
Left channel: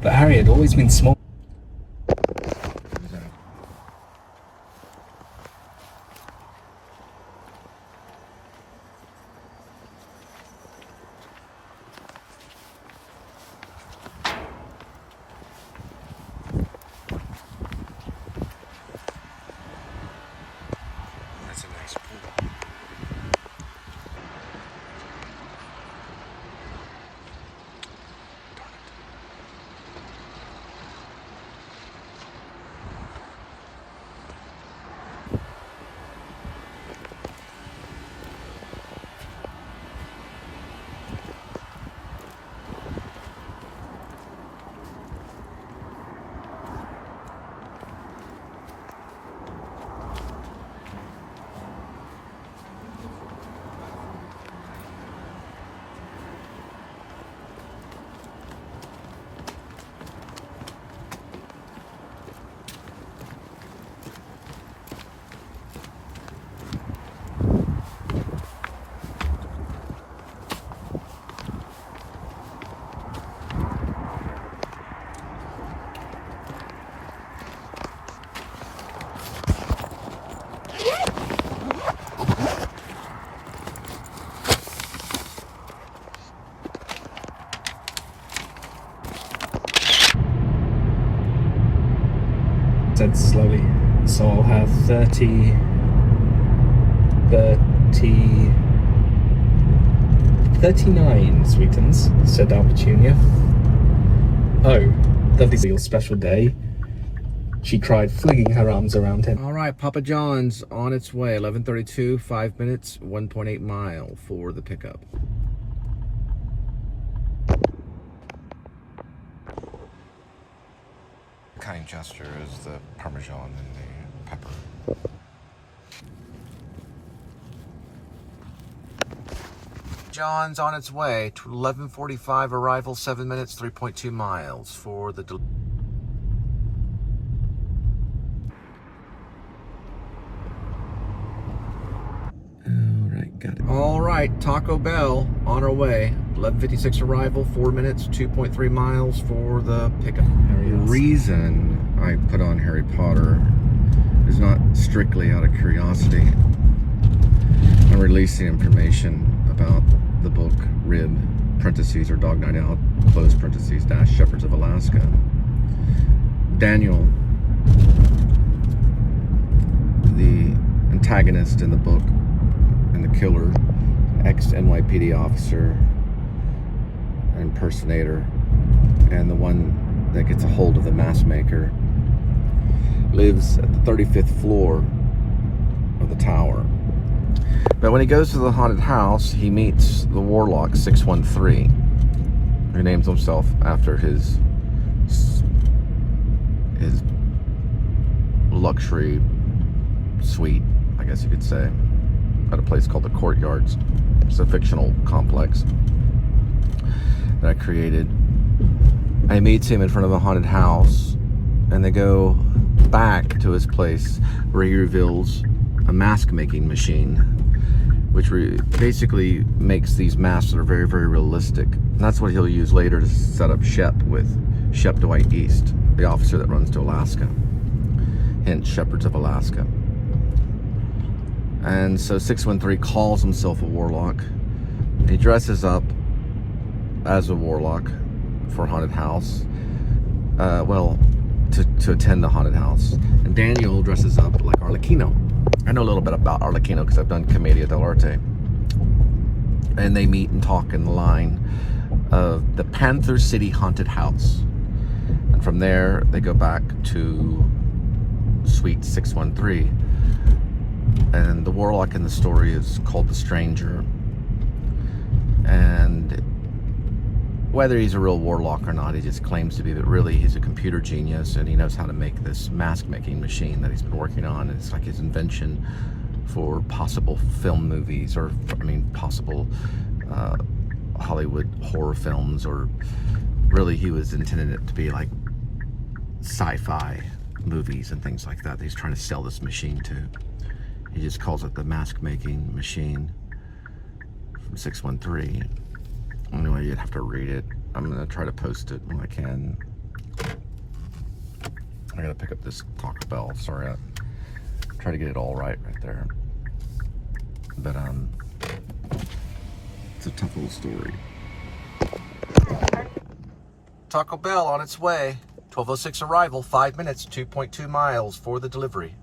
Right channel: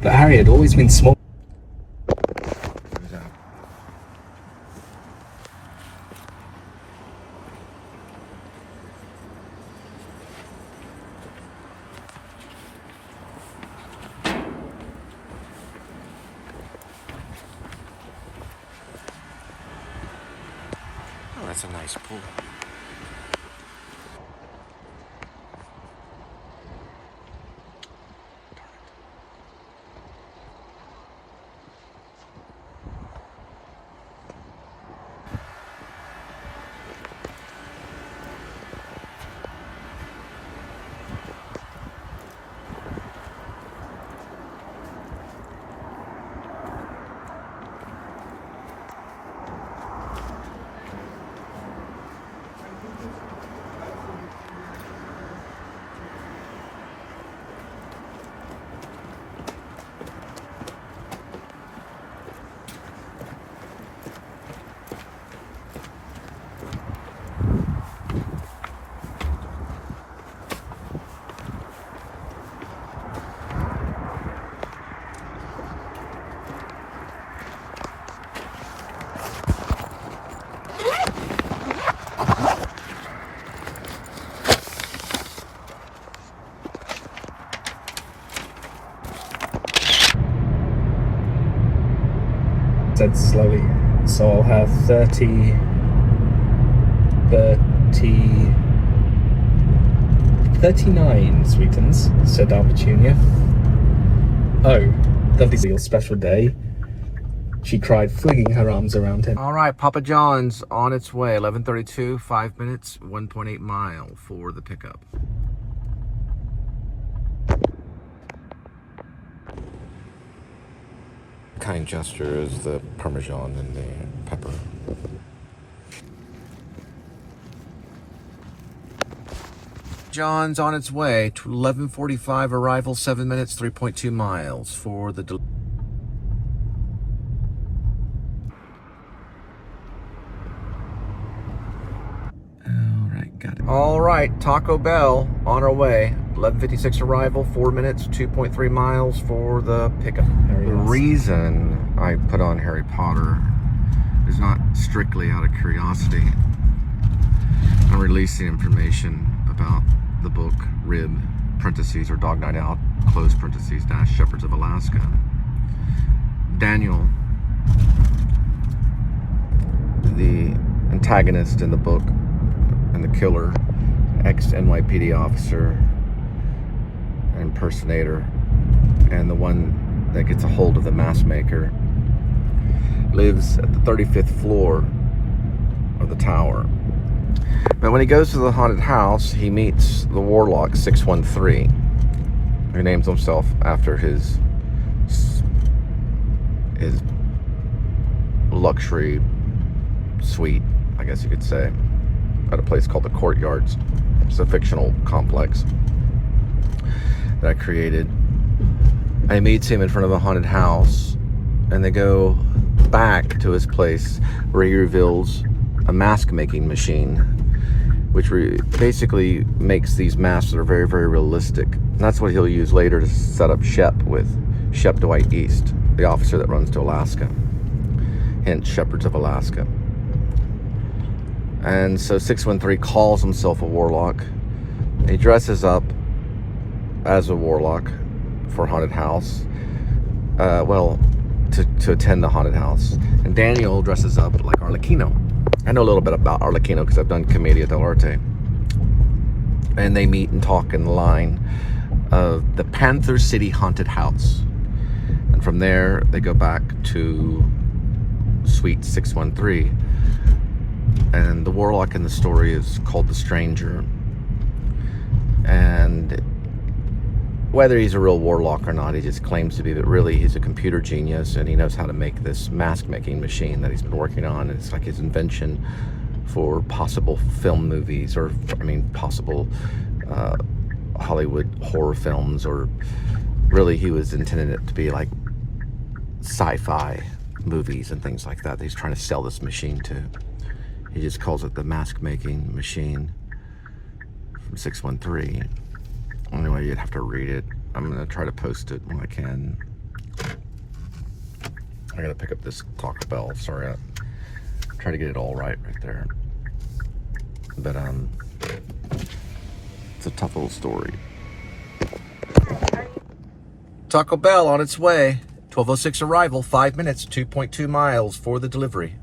but Harry had always been small. Oh, that's a nice pool. Said slowly, so I'll have 39 sweetens, said Aunt Petunia. Oh, Dudley's your special day, she cried, flinging her arms around him. All right, Papa John's on its way. 11:32, 5 minutes, 1.8 mile for the pickup. Kind gesture is the Parmesan and the pepper. John's on its way to 11:45 arrival, 7 minutes, 3.2 miles for the All right, Taco Bell on our way. 11:56 arrival, 4 minutes, 2.3 miles for the pickup. The reason I put on Harry Potter is not strictly out of curiosity. I'm releasing information about the book Rib, parentheses, or Dog Night Out, close parentheses, dash Shepherds of Alaska. Daniel, the antagonist in the book, and the killer, ex-NYPD officer, impersonator, and the one that gets a hold of the mask maker, lives at the 35th floor of the tower. But when he goes to the haunted house, he meets the warlock 613, who names himself after his luxury suite, I guess you could say, at a place called the Courtyards. It's a fictional complex that I created. And he meets him in front of a haunted house, and they go back to his place where he reveals a mask making machine, which basically makes these masks that are very, very realistic. And that's what he'll use later to set up Shep with Shep Dwight East, the officer that runs to Alaska. Hence, Shepherds of Alaska. And so 613 calls himself a warlock. He dresses up as a warlock for haunted house. To attend the haunted house. And Daniel dresses up like Arlecchino. I know a little bit about Arlecchino because I've done Commedia dell'arte. And they meet and talk in the line of the Panther City Haunted House. And from there, they go back to Suite 613. And the warlock in the story is called the Stranger. And whether he's a real warlock or not, he just claims to be, but really he's a computer genius, and he knows how to make this mask-making machine that he's been working on. It's like his invention for possible film movies, or, possible Hollywood horror films, or really he was intending it to be like sci-fi movies and things like that he's trying to sell this machine to. He just calls it the mask-making machine from 613. Anyway, you'd have to read it. I'm going to try to post it when I can. I got to pick up this Taco Bell. Sorry, I try to get it all right there. But, it's a tough little story. Taco Bell on its way. 12:06 arrival, 5 minutes, 2.2 miles for the delivery.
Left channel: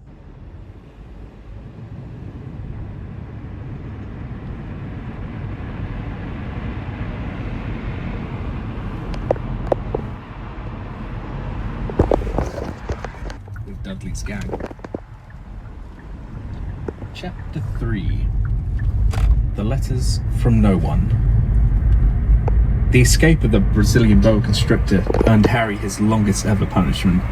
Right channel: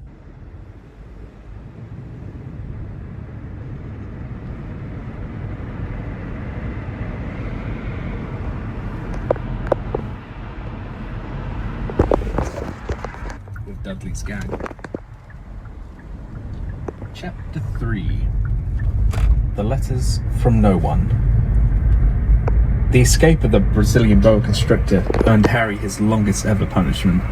Dudley's gang. Chapter 3. The Letters from No One. The escape of the Brazilian boa constrictor earned Harry his longest ever punishment.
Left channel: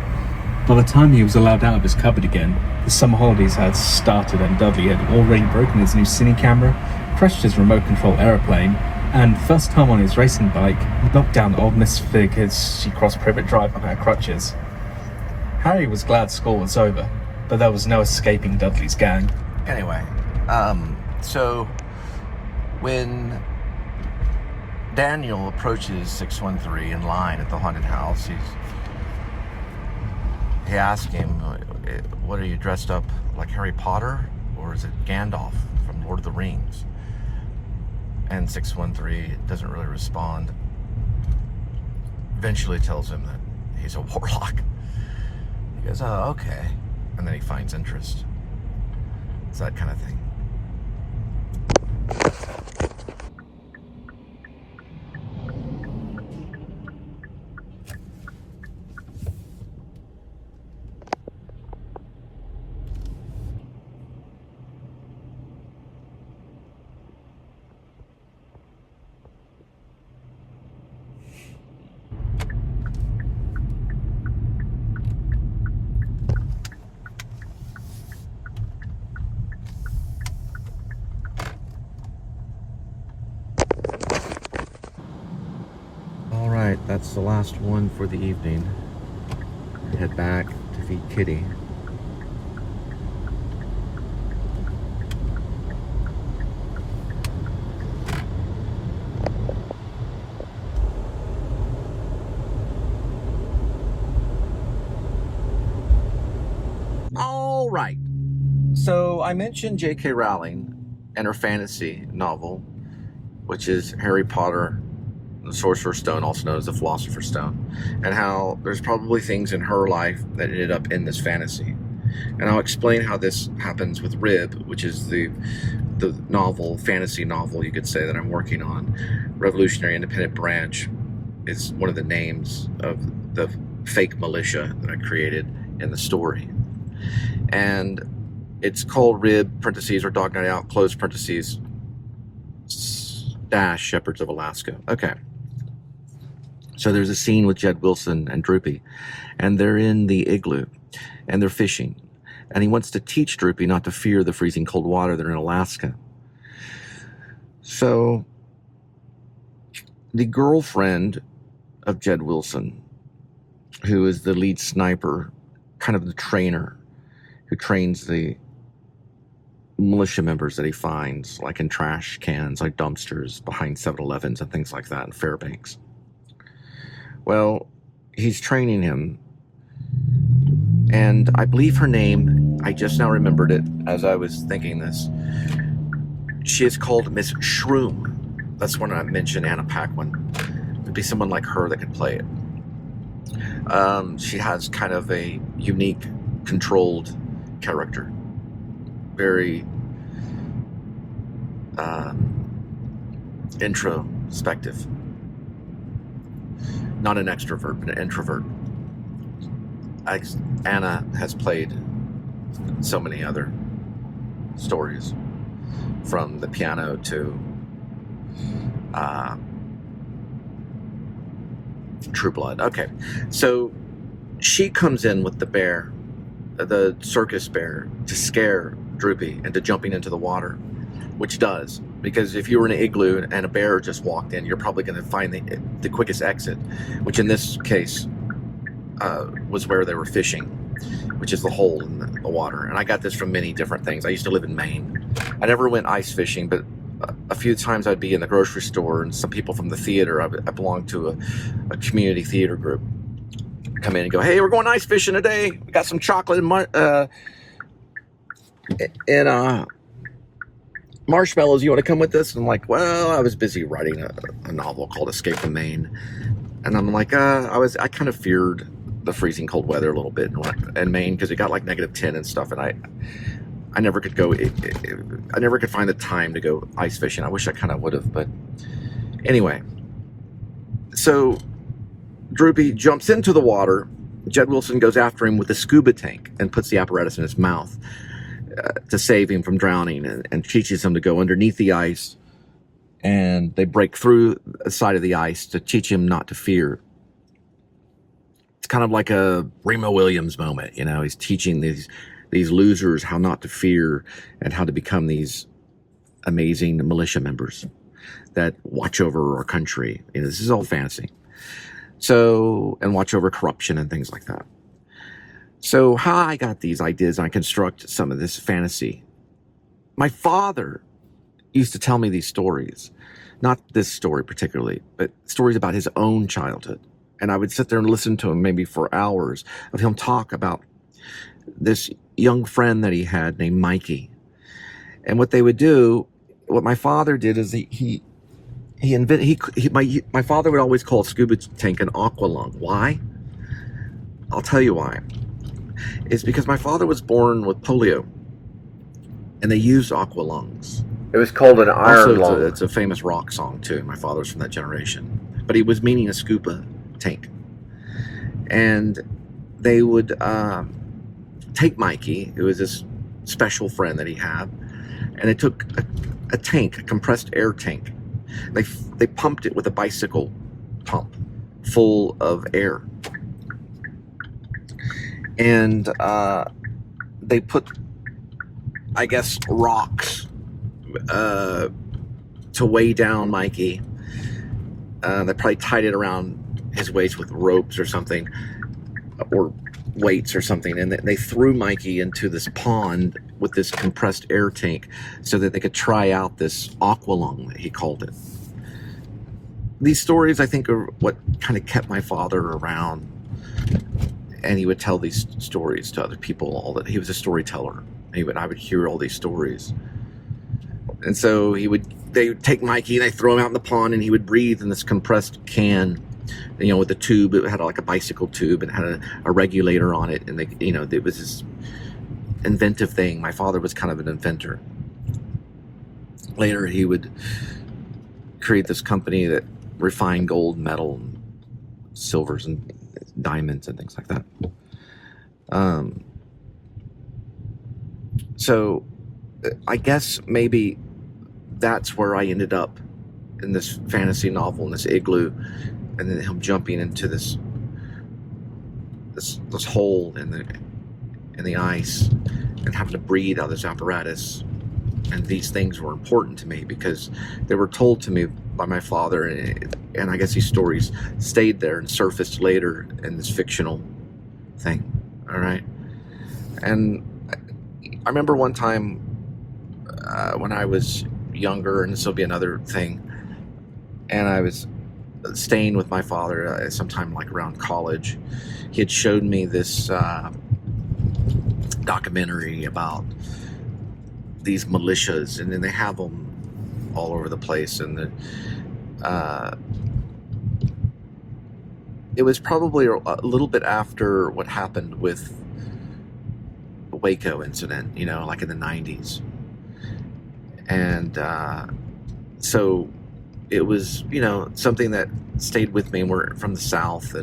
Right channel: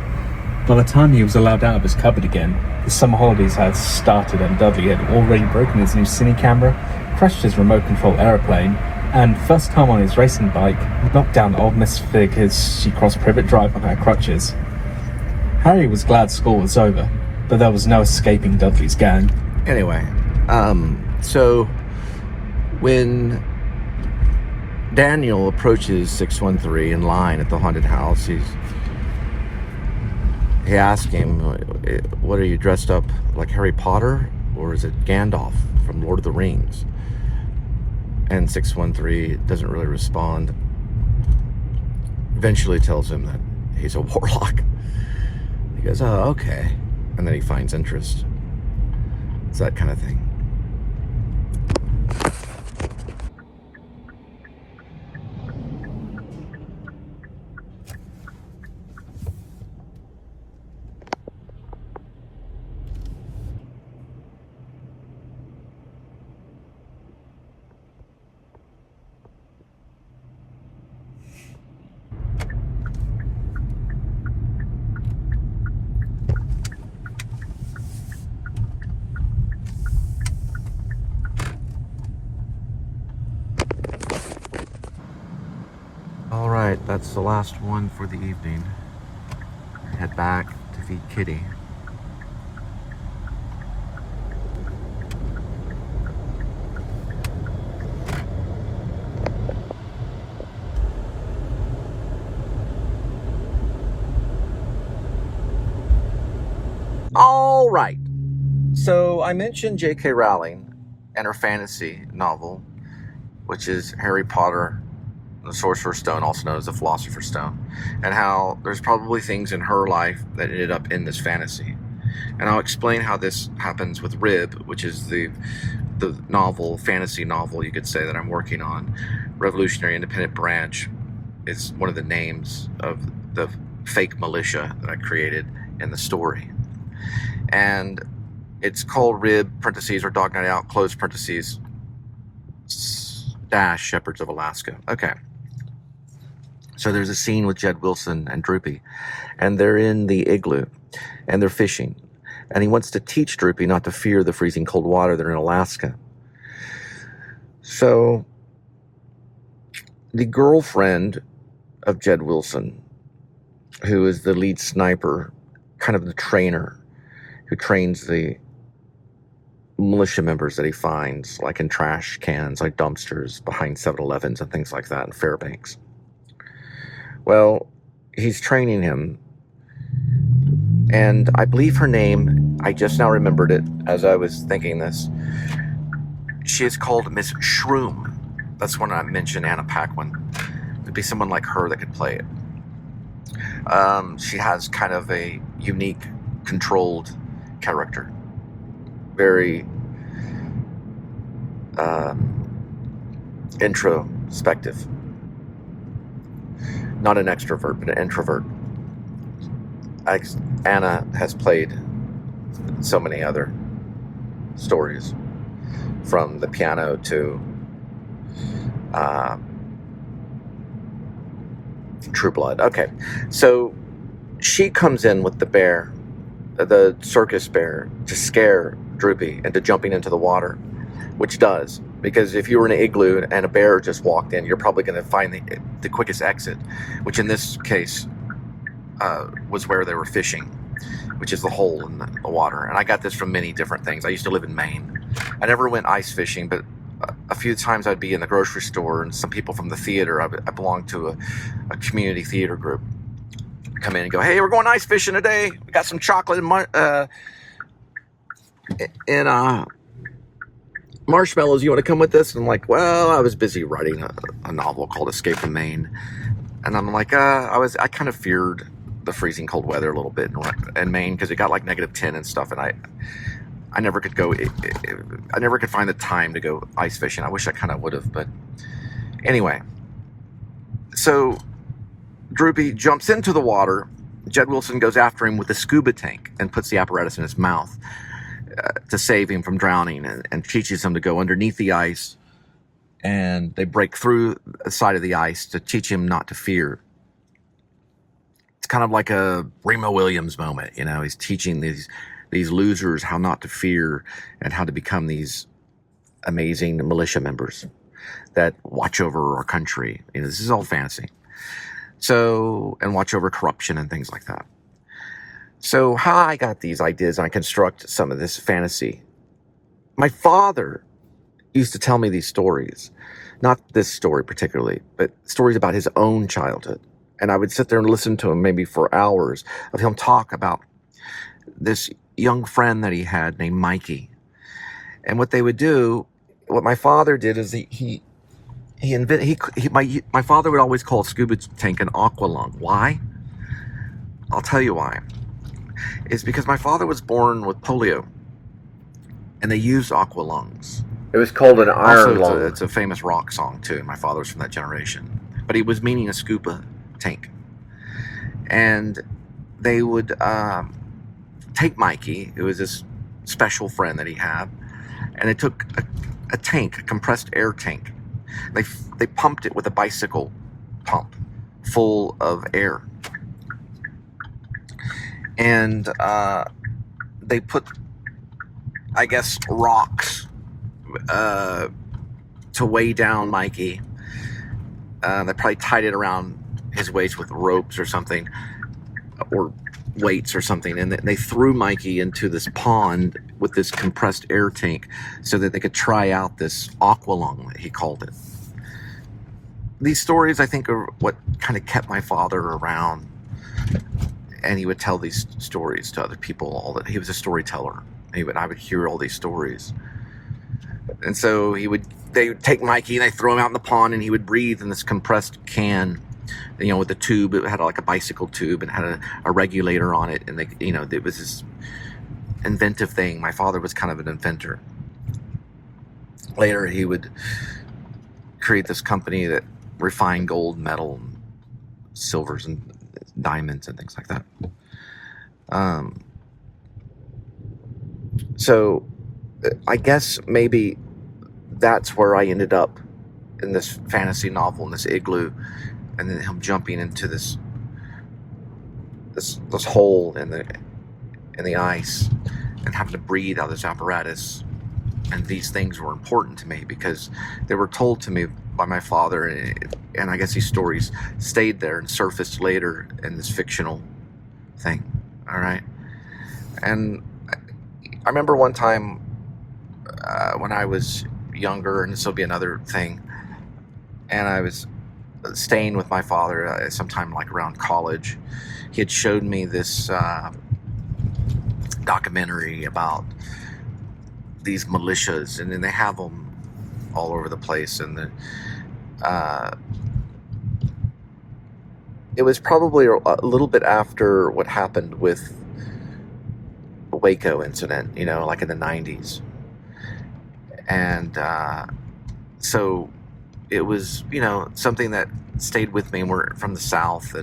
By the time he was allowed out of his cupboard again, the summer holidays had started and Dudley had already broken his new cine camera, crashed his remote control aeroplane, and first time on his racing bike, knocked down old Miss Fig as she crossed Privet Drive on her crutches. Harry was glad school was over, but there was no escaping Dudley's gang. Anyway, so when Daniel approaches 613 in line at the haunted house, he asks him, what are you dressed up like, Harry Potter, or is it Gandalf from Lord of the Rings? And 613 doesn't really respond. Eventually tells him that he's a warlock. He goes, oh, okay. And then he finds interest. It's that kind of thing. Alright, that's the last one for the evening. Head back to feed Kitty. Alright, so I mentioned J.K. Rowling and her fantasy novel, which is Harry Potter, the Sorcerer's Stone, also known as the Philosopher's Stone, and how there's probably things in her life that ended up in this fantasy. And I'll explain how this happens with Rib, which is the novel, fantasy novel, you could say, that I'm working on. Revolutionary Independent Branch is one of the names of the fake militia that I created in the story. And It's called Rib, parentheses, or Dog Night Out, close parentheses, dash, Shepherds of Alaska. Okay. So there's a scene with Jed Wilson and Droopy, and they're in the igloo, and they're fishing. And he wants to teach Droopy not to fear the freezing cold water. They're in Alaska. So the girlfriend of Jed Wilson, who is the lead sniper, kind of the trainer, who trains the militia members that he finds, like in trash cans, like dumpsters, behind 7-Elevens and things like that in Fairbanks. Well, he's training him, and I believe her name, I just now remembered it as I was thinking this, she is called Miss Shroom. That's when I mentioned Anna Paquin. It'd be someone like her that could play it. She has kind of a unique, controlled character. Very introspective. Not an extrovert, but an introvert. Anna has played so many other stories, from the piano to True Blood. Okay, so she comes in with the bear, the circus bear, to scare Droopy into jumping into the water, which does, because if you were in an igloo and a bear just walked in, you're probably going to find the quickest exit, which in this case was where they were fishing, which is the hole in the water. And I got this from many different things. I used to live in Maine. I never went ice fishing, but a few times I'd be in the grocery store, and some people from the theater, I belonged to a community theater group, come in and go, hey, we're going ice fishing today. We got some chocolate and marshmallows. You want to come with us? And I'm like, well, I was busy writing a novel called Escape from Maine. And I'm like, I kind of feared the freezing cold weather a little bit in Maine, because it got like -10 and stuff. And I never could go, I never could find the time to go ice fishing. I wish I kind of would have, but anyway. So Droopy jumps into the water. Jed Wilson goes after him with a scuba tank and puts the apparatus in his mouth to save him from drowning, and teaches him to go underneath the ice, and they break through the side of the ice to teach him not to fear. It's kind of like a Remo Williams moment, you know. He's teaching these losers how not to fear and how to become these amazing militia members that watch over our country. You know, this is all fantasy. So, and watch over corruption and things like that. So how I got these ideas, and I construct some of this fantasy. My father used to tell me these stories, not this story particularly, but stories about his own childhood. And I would sit there and listen to him maybe for hours of him talk about this young friend that he had named Mikey. And what they would do, what my father did is my father would always call a scuba tank an aqua lung. Why? I'll tell you why. It's because my father was born with polio, and they used aqua lungs. It was called an iron lung. It's a famous rock song too. My father's from that generation, but he was meaning a scuba tank. And they would take Mikey, who was this special friend that he had, and they took a tank, a compressed air tank. They pumped it with a bicycle pump full of air. And they put, I guess, rocks to weigh down Mikey. They probably tied it around his waist with ropes or something, or weights or something. And they threw Mikey into this pond with this compressed air tank so that they could try out this aqua lung, he called it. These stories, I think, are what kind of kept my father around. And he would tell these stories to other people. He was a storyteller. I would hear all these stories. And so they would take Mikey, and they throw him out in the pond, and he would breathe in this compressed can, you know, with a tube. It had like a bicycle tube, and had a regulator on it. And it was this inventive thing. My father was kind of an inventor. Later, he would create this company that refined gold, metal, and silvers, and diamonds and things like that. So I guess maybe that's where I ended up in this fantasy novel, in this igloo, and then him jumping into this hole in the ice and having to breathe out of this apparatus. And these things were important to me because they were told to me by my father, and I guess these stories stayed there and surfaced later in this fictional thing. All right. And I remember one time when I was younger, and this will be another thing, and I was staying with my father sometime like around college. He had showed me this documentary about these militias, and then they have them all over the place. And it was probably a little bit after what happened with the Waco incident, you know, like in the 90s. And so it was, you know, something that stayed with me. We're from the South,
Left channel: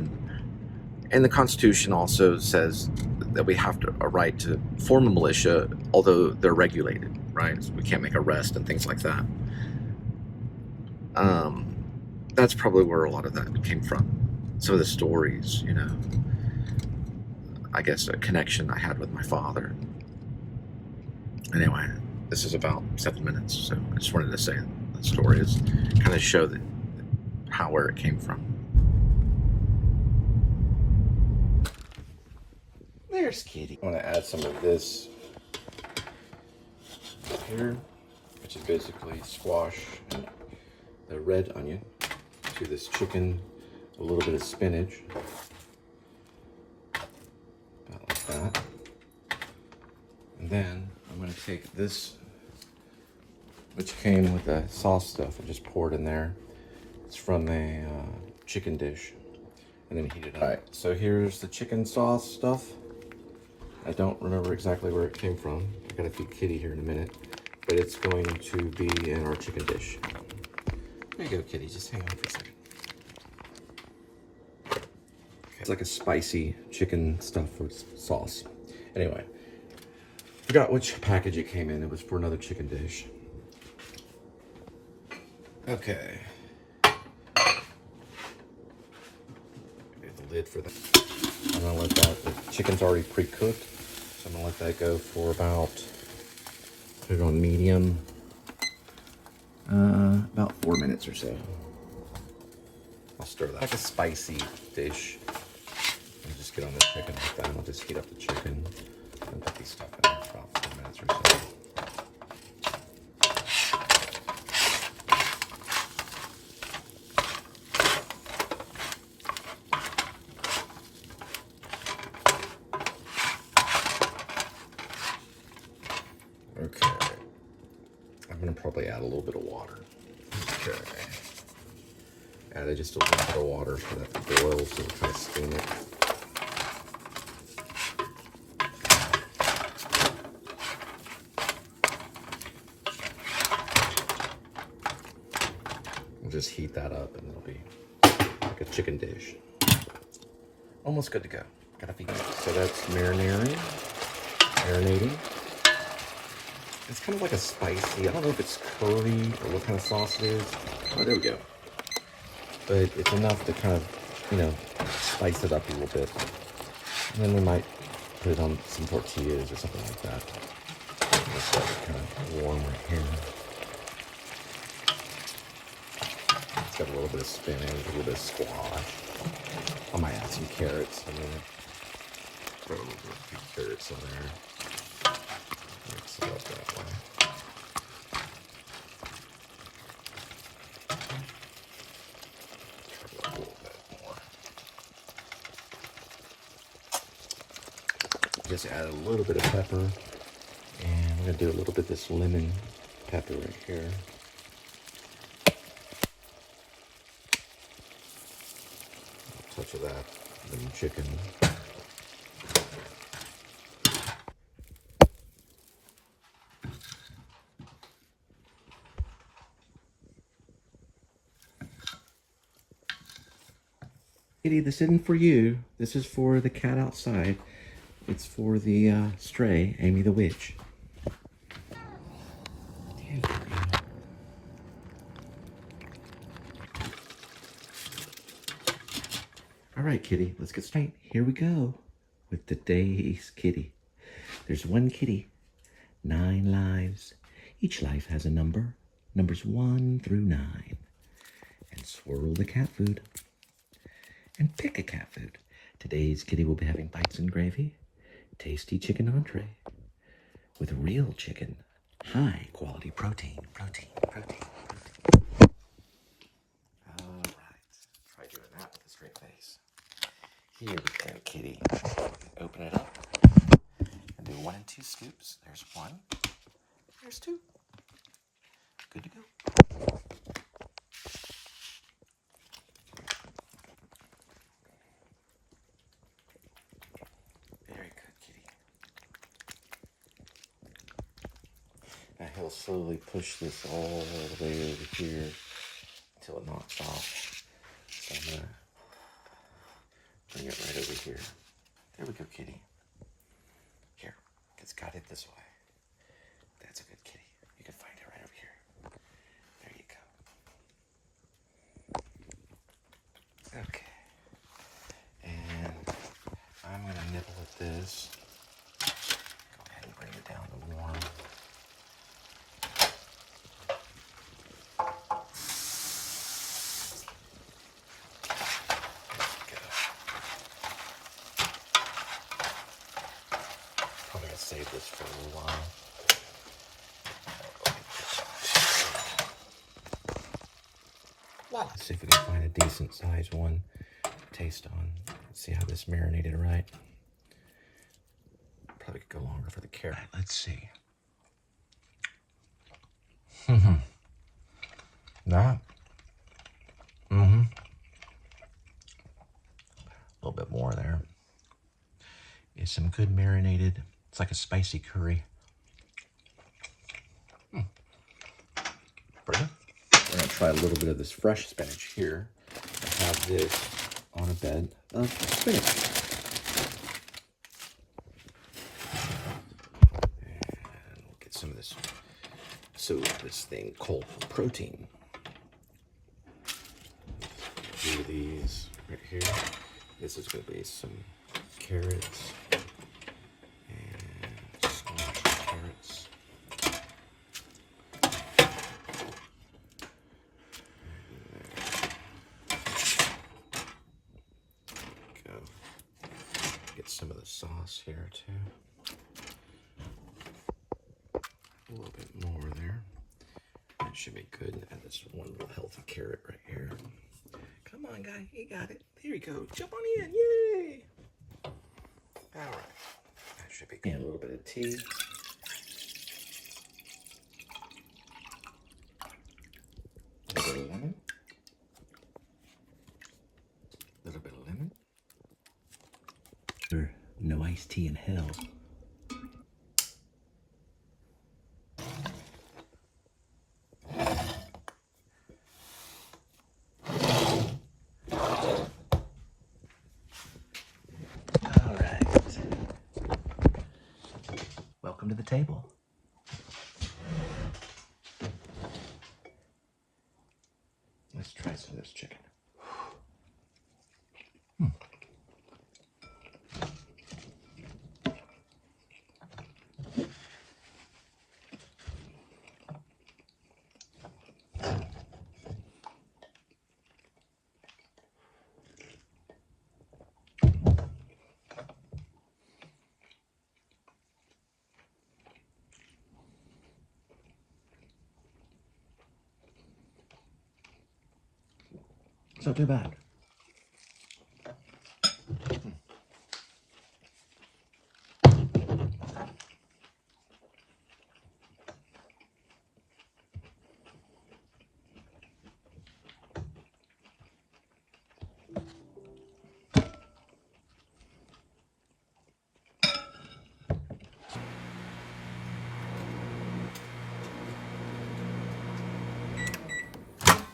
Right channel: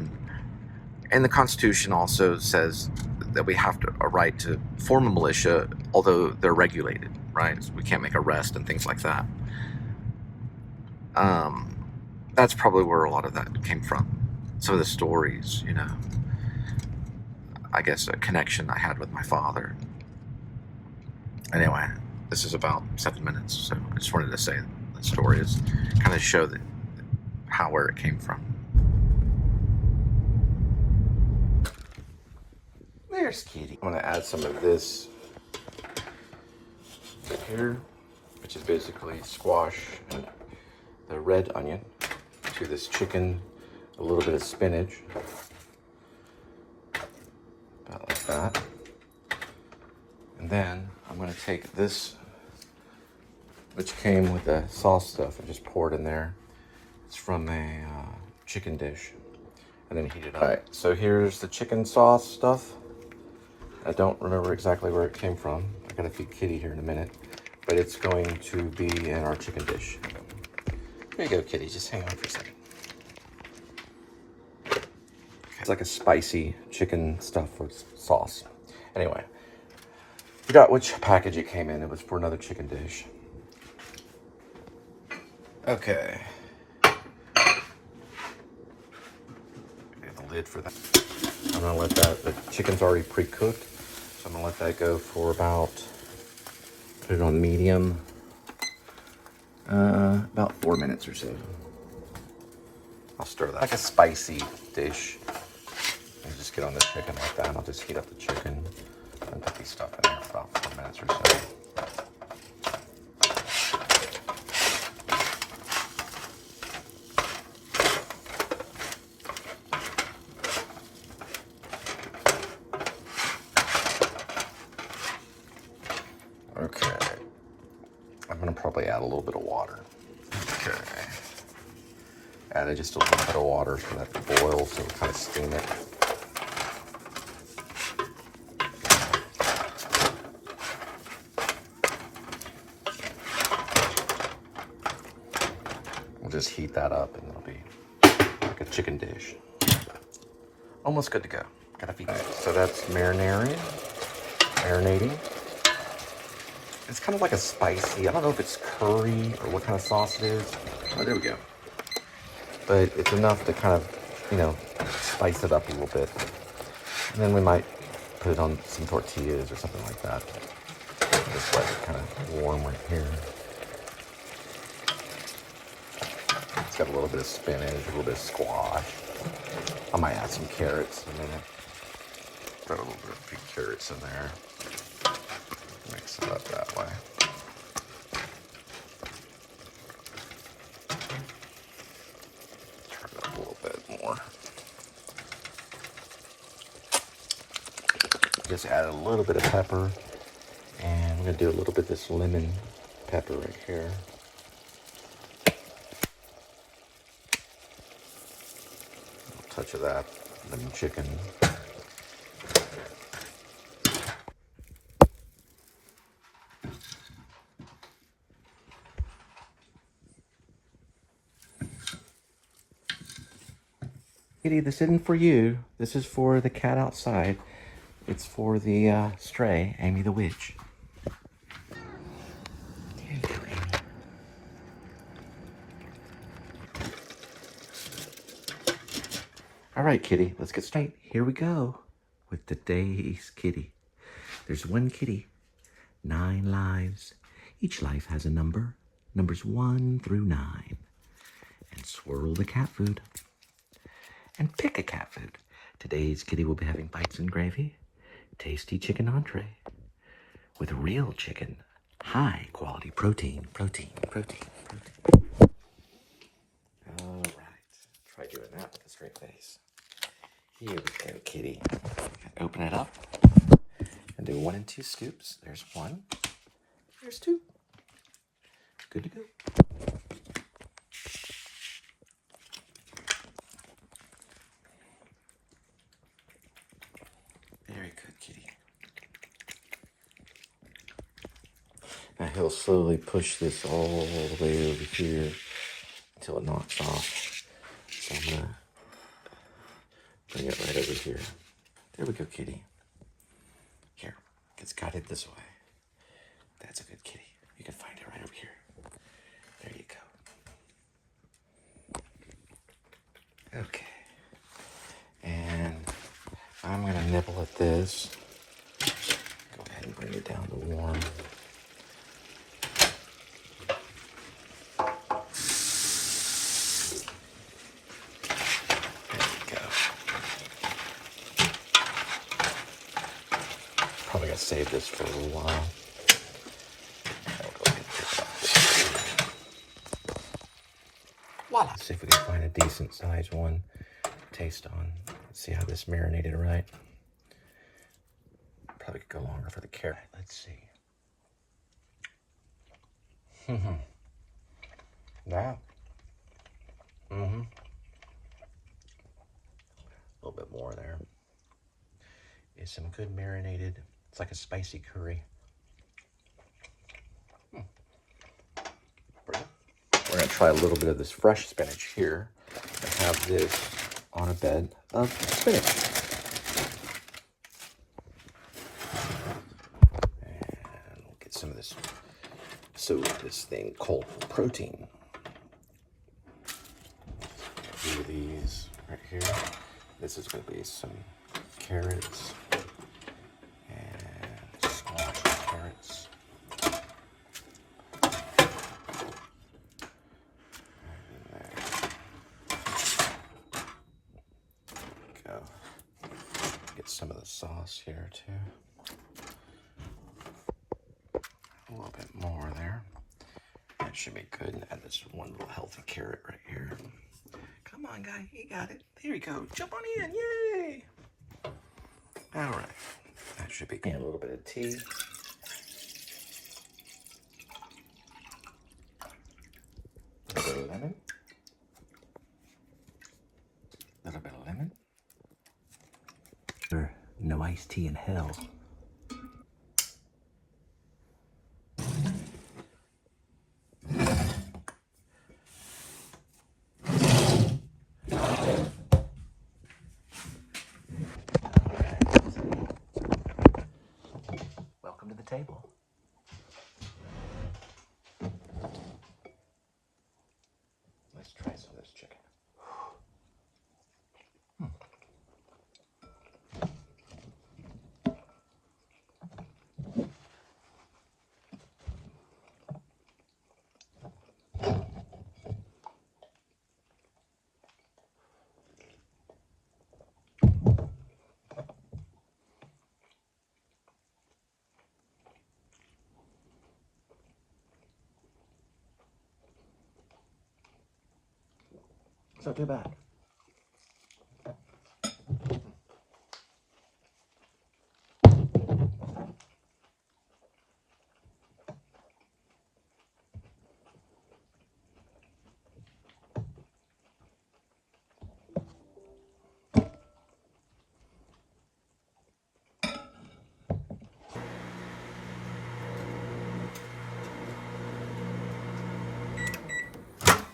and the Constitution also says that we have a right to form a militia, although they're regulated, right? So we can't make arrests and things like that. That's probably where a lot of that came from. Some of the stories, you know, I guess a connection I had with my father. Anyway, this is about 7 minutes, so I just wanted to say that story is kind of show where it came from. There's Kitty. I want to add some of this here, which is basically squash and the red onion, to this chicken, a little bit of spinach, about like that. And then I'm going to take this, which came with the sauce stuff, and just pour it in there. It's from a chicken dish, and then heat it up. All right, so here's the chicken sauce stuff. I don't remember exactly where it came from. I gotta feed Kitty here in a minute, but it's going to be in our chicken dish. There you go, Kitty, just hang on for a second. It's like a spicy chicken stuff with sauce. Anyway, forgot which package it came in. It was for another chicken dish. Okay. Get the lid for that. I'm gonna let that, the chicken's already pre-cooked, so I'm gonna let that go for about, put it on medium, about 4 minutes or so. I'll stir that like a spicy dish. And just get on the chicken like that, and I'll just heat up the chicken and put these stuff in there for about 4 minutes or so. Okay, I'm gonna probably add a little bit of water. Okay, added just a little bit of water so that it boils, so kind of steam it. We'll just heat that up, and it'll be like a chicken dish. Almost good to go. Gotta feed it. So that's marinating. It's kind of like a spicy, I don't know if it's curry or what kind of sauce it is. Oh, there we go. But it's enough to kind of, you know, spice it up a little bit. And then we might put it on some tortillas or something like that. Just let it kind of warm right here. It's got a little bit of spinach, a little bit of squash. I might add some carrots in there. Got a little bit of big carrots in there. Mix it up that way. Turn it up a little bit more. Just add a little bit of pepper, and I'm gonna do a little bit of this lemon pepper right here. A touch of that lemon chicken. Kitty, this isn't for you. This is for the cat outside. It's for the stray, Amy the witch. All right, kitty, let's get straight. Here we go with today's kitty. There's one kitty, 9 lives. Each life has a number, numbers 1 through 9. And swirl the cat food. And pick a cat food. Today's kitty will be having bites and gravy, tasty chicken entree with real chicken, high quality protein. All right, try doing that with a straight face. Here we go, kitty. Open it up and do 1 and 2 scoops. There's 1, there's 2. Good to go. Very good, kitty. Now he'll slowly push this all the way over here until it knocks off. So I'm gonna bring it right over here. There we go, kitty. Here, gets guided this way. That's a good kitty. You can find it right over here. There you go. Okay. And I'm gonna nibble at this. Go ahead and bring it down to warm. Probably gotta save this for a little while. Voila. Let's see if we can find a decent sized one to taste on. Let's see how this marinated right. Probably could go longer for the carrot. Let's see. That. A little bit more there. Is some good marinated. It's like a spicy curry. Pretty good. We're gonna try a little bit of this fresh spinach here and have this on a bed of spinach. And we'll get some of this, this thing called protein. Do these right here. This is gonna be some carrots and squash carrots. Go. Get some of the sauce here too. A little bit more there. That should be good. And add this one little healthy carrot right here. Come on, guy, you got it. There you go. Jump on in, yay! All right, that should be good. And a little bit of tea. A little bit of lemon. A little bit of lemon. No iced tea in hell. Welcome to the table. Let's try some of this chicken. It's not too bad.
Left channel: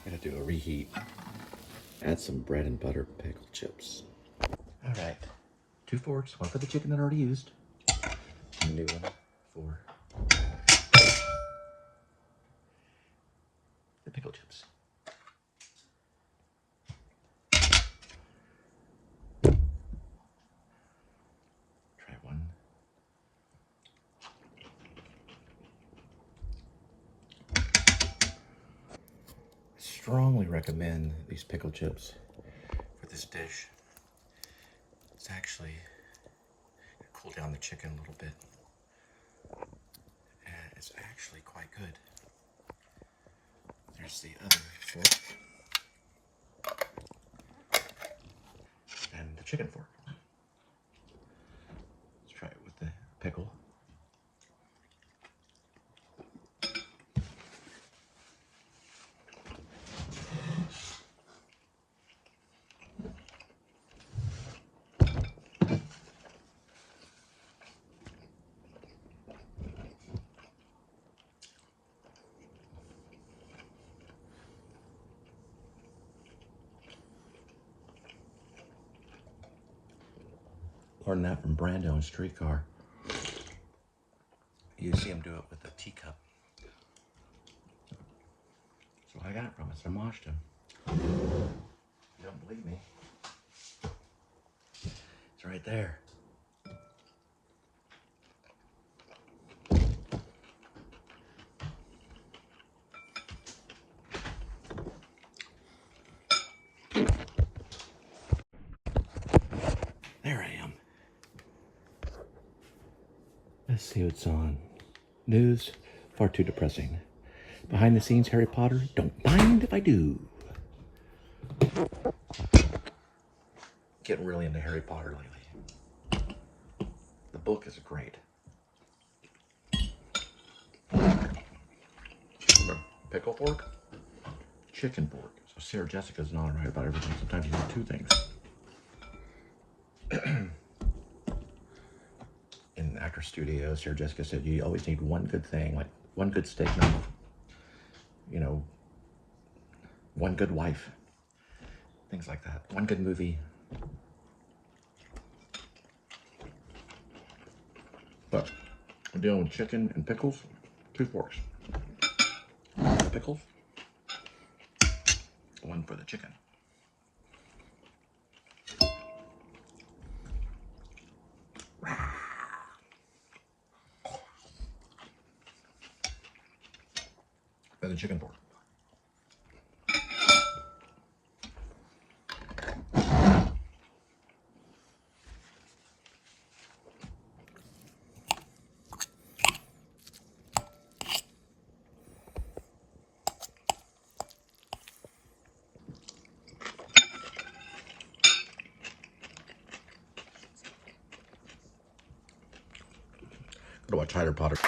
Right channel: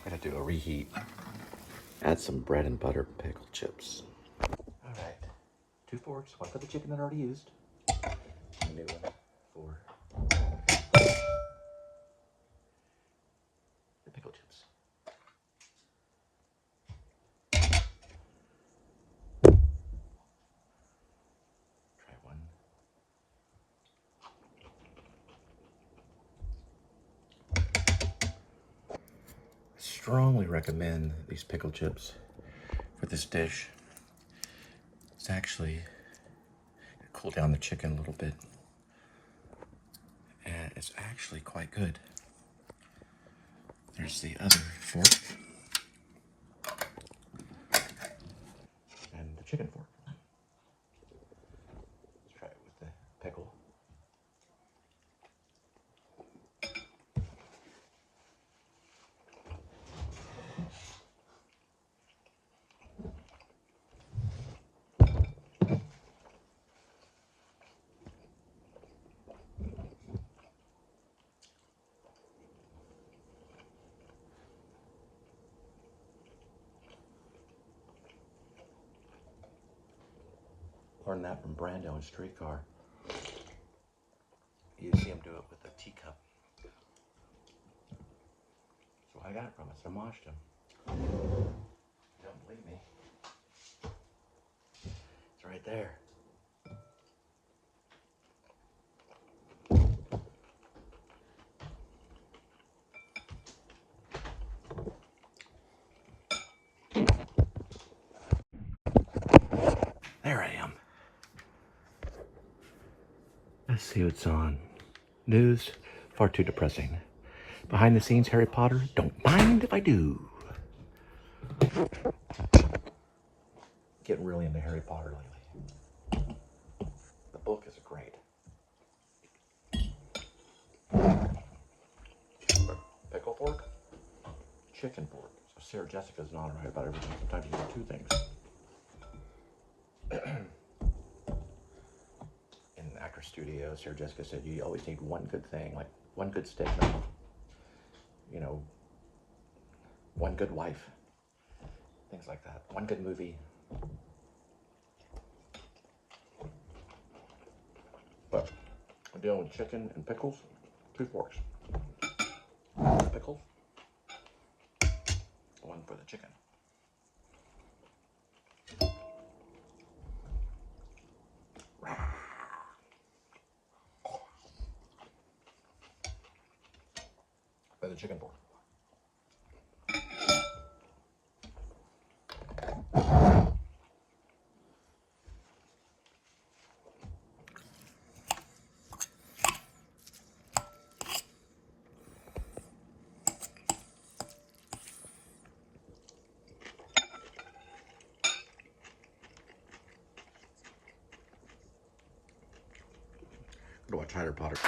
Gotta do a reheat. Add some bread and butter pickle chips. All right, 2 forks, one for the chicken that I already used. A new one for the pickle chips. strongly recommend these pickle chips for this dish. It's actually gonna cool down the chicken a little bit, and it's actually quite good. There's the other fork and the chicken fork. Let's try it with the pickle. Learned that from Brando in Streetcar. You see him do it with a teacup. That's what I got from it. So I moshed him. You don't believe me? It's right there. There I am. Let's see what's on. News, far too depressing. Behind the scenes, Harry Potter, don't mind if I do. Getting really into Harry Potter lately. The book is great. Pickle fork, chicken fork. So Sarah Jessica's not right about everything. Sometimes you need two things. In the actor studio, Sarah Jessica said you always need one good thing, like one good steak number, you know, one good wife, things like that, one good movie. But I'm dealing with chicken and pickles, 2 forks. Pickles, 1 for the chicken. For the chicken fork. Go to watch Harry Potter.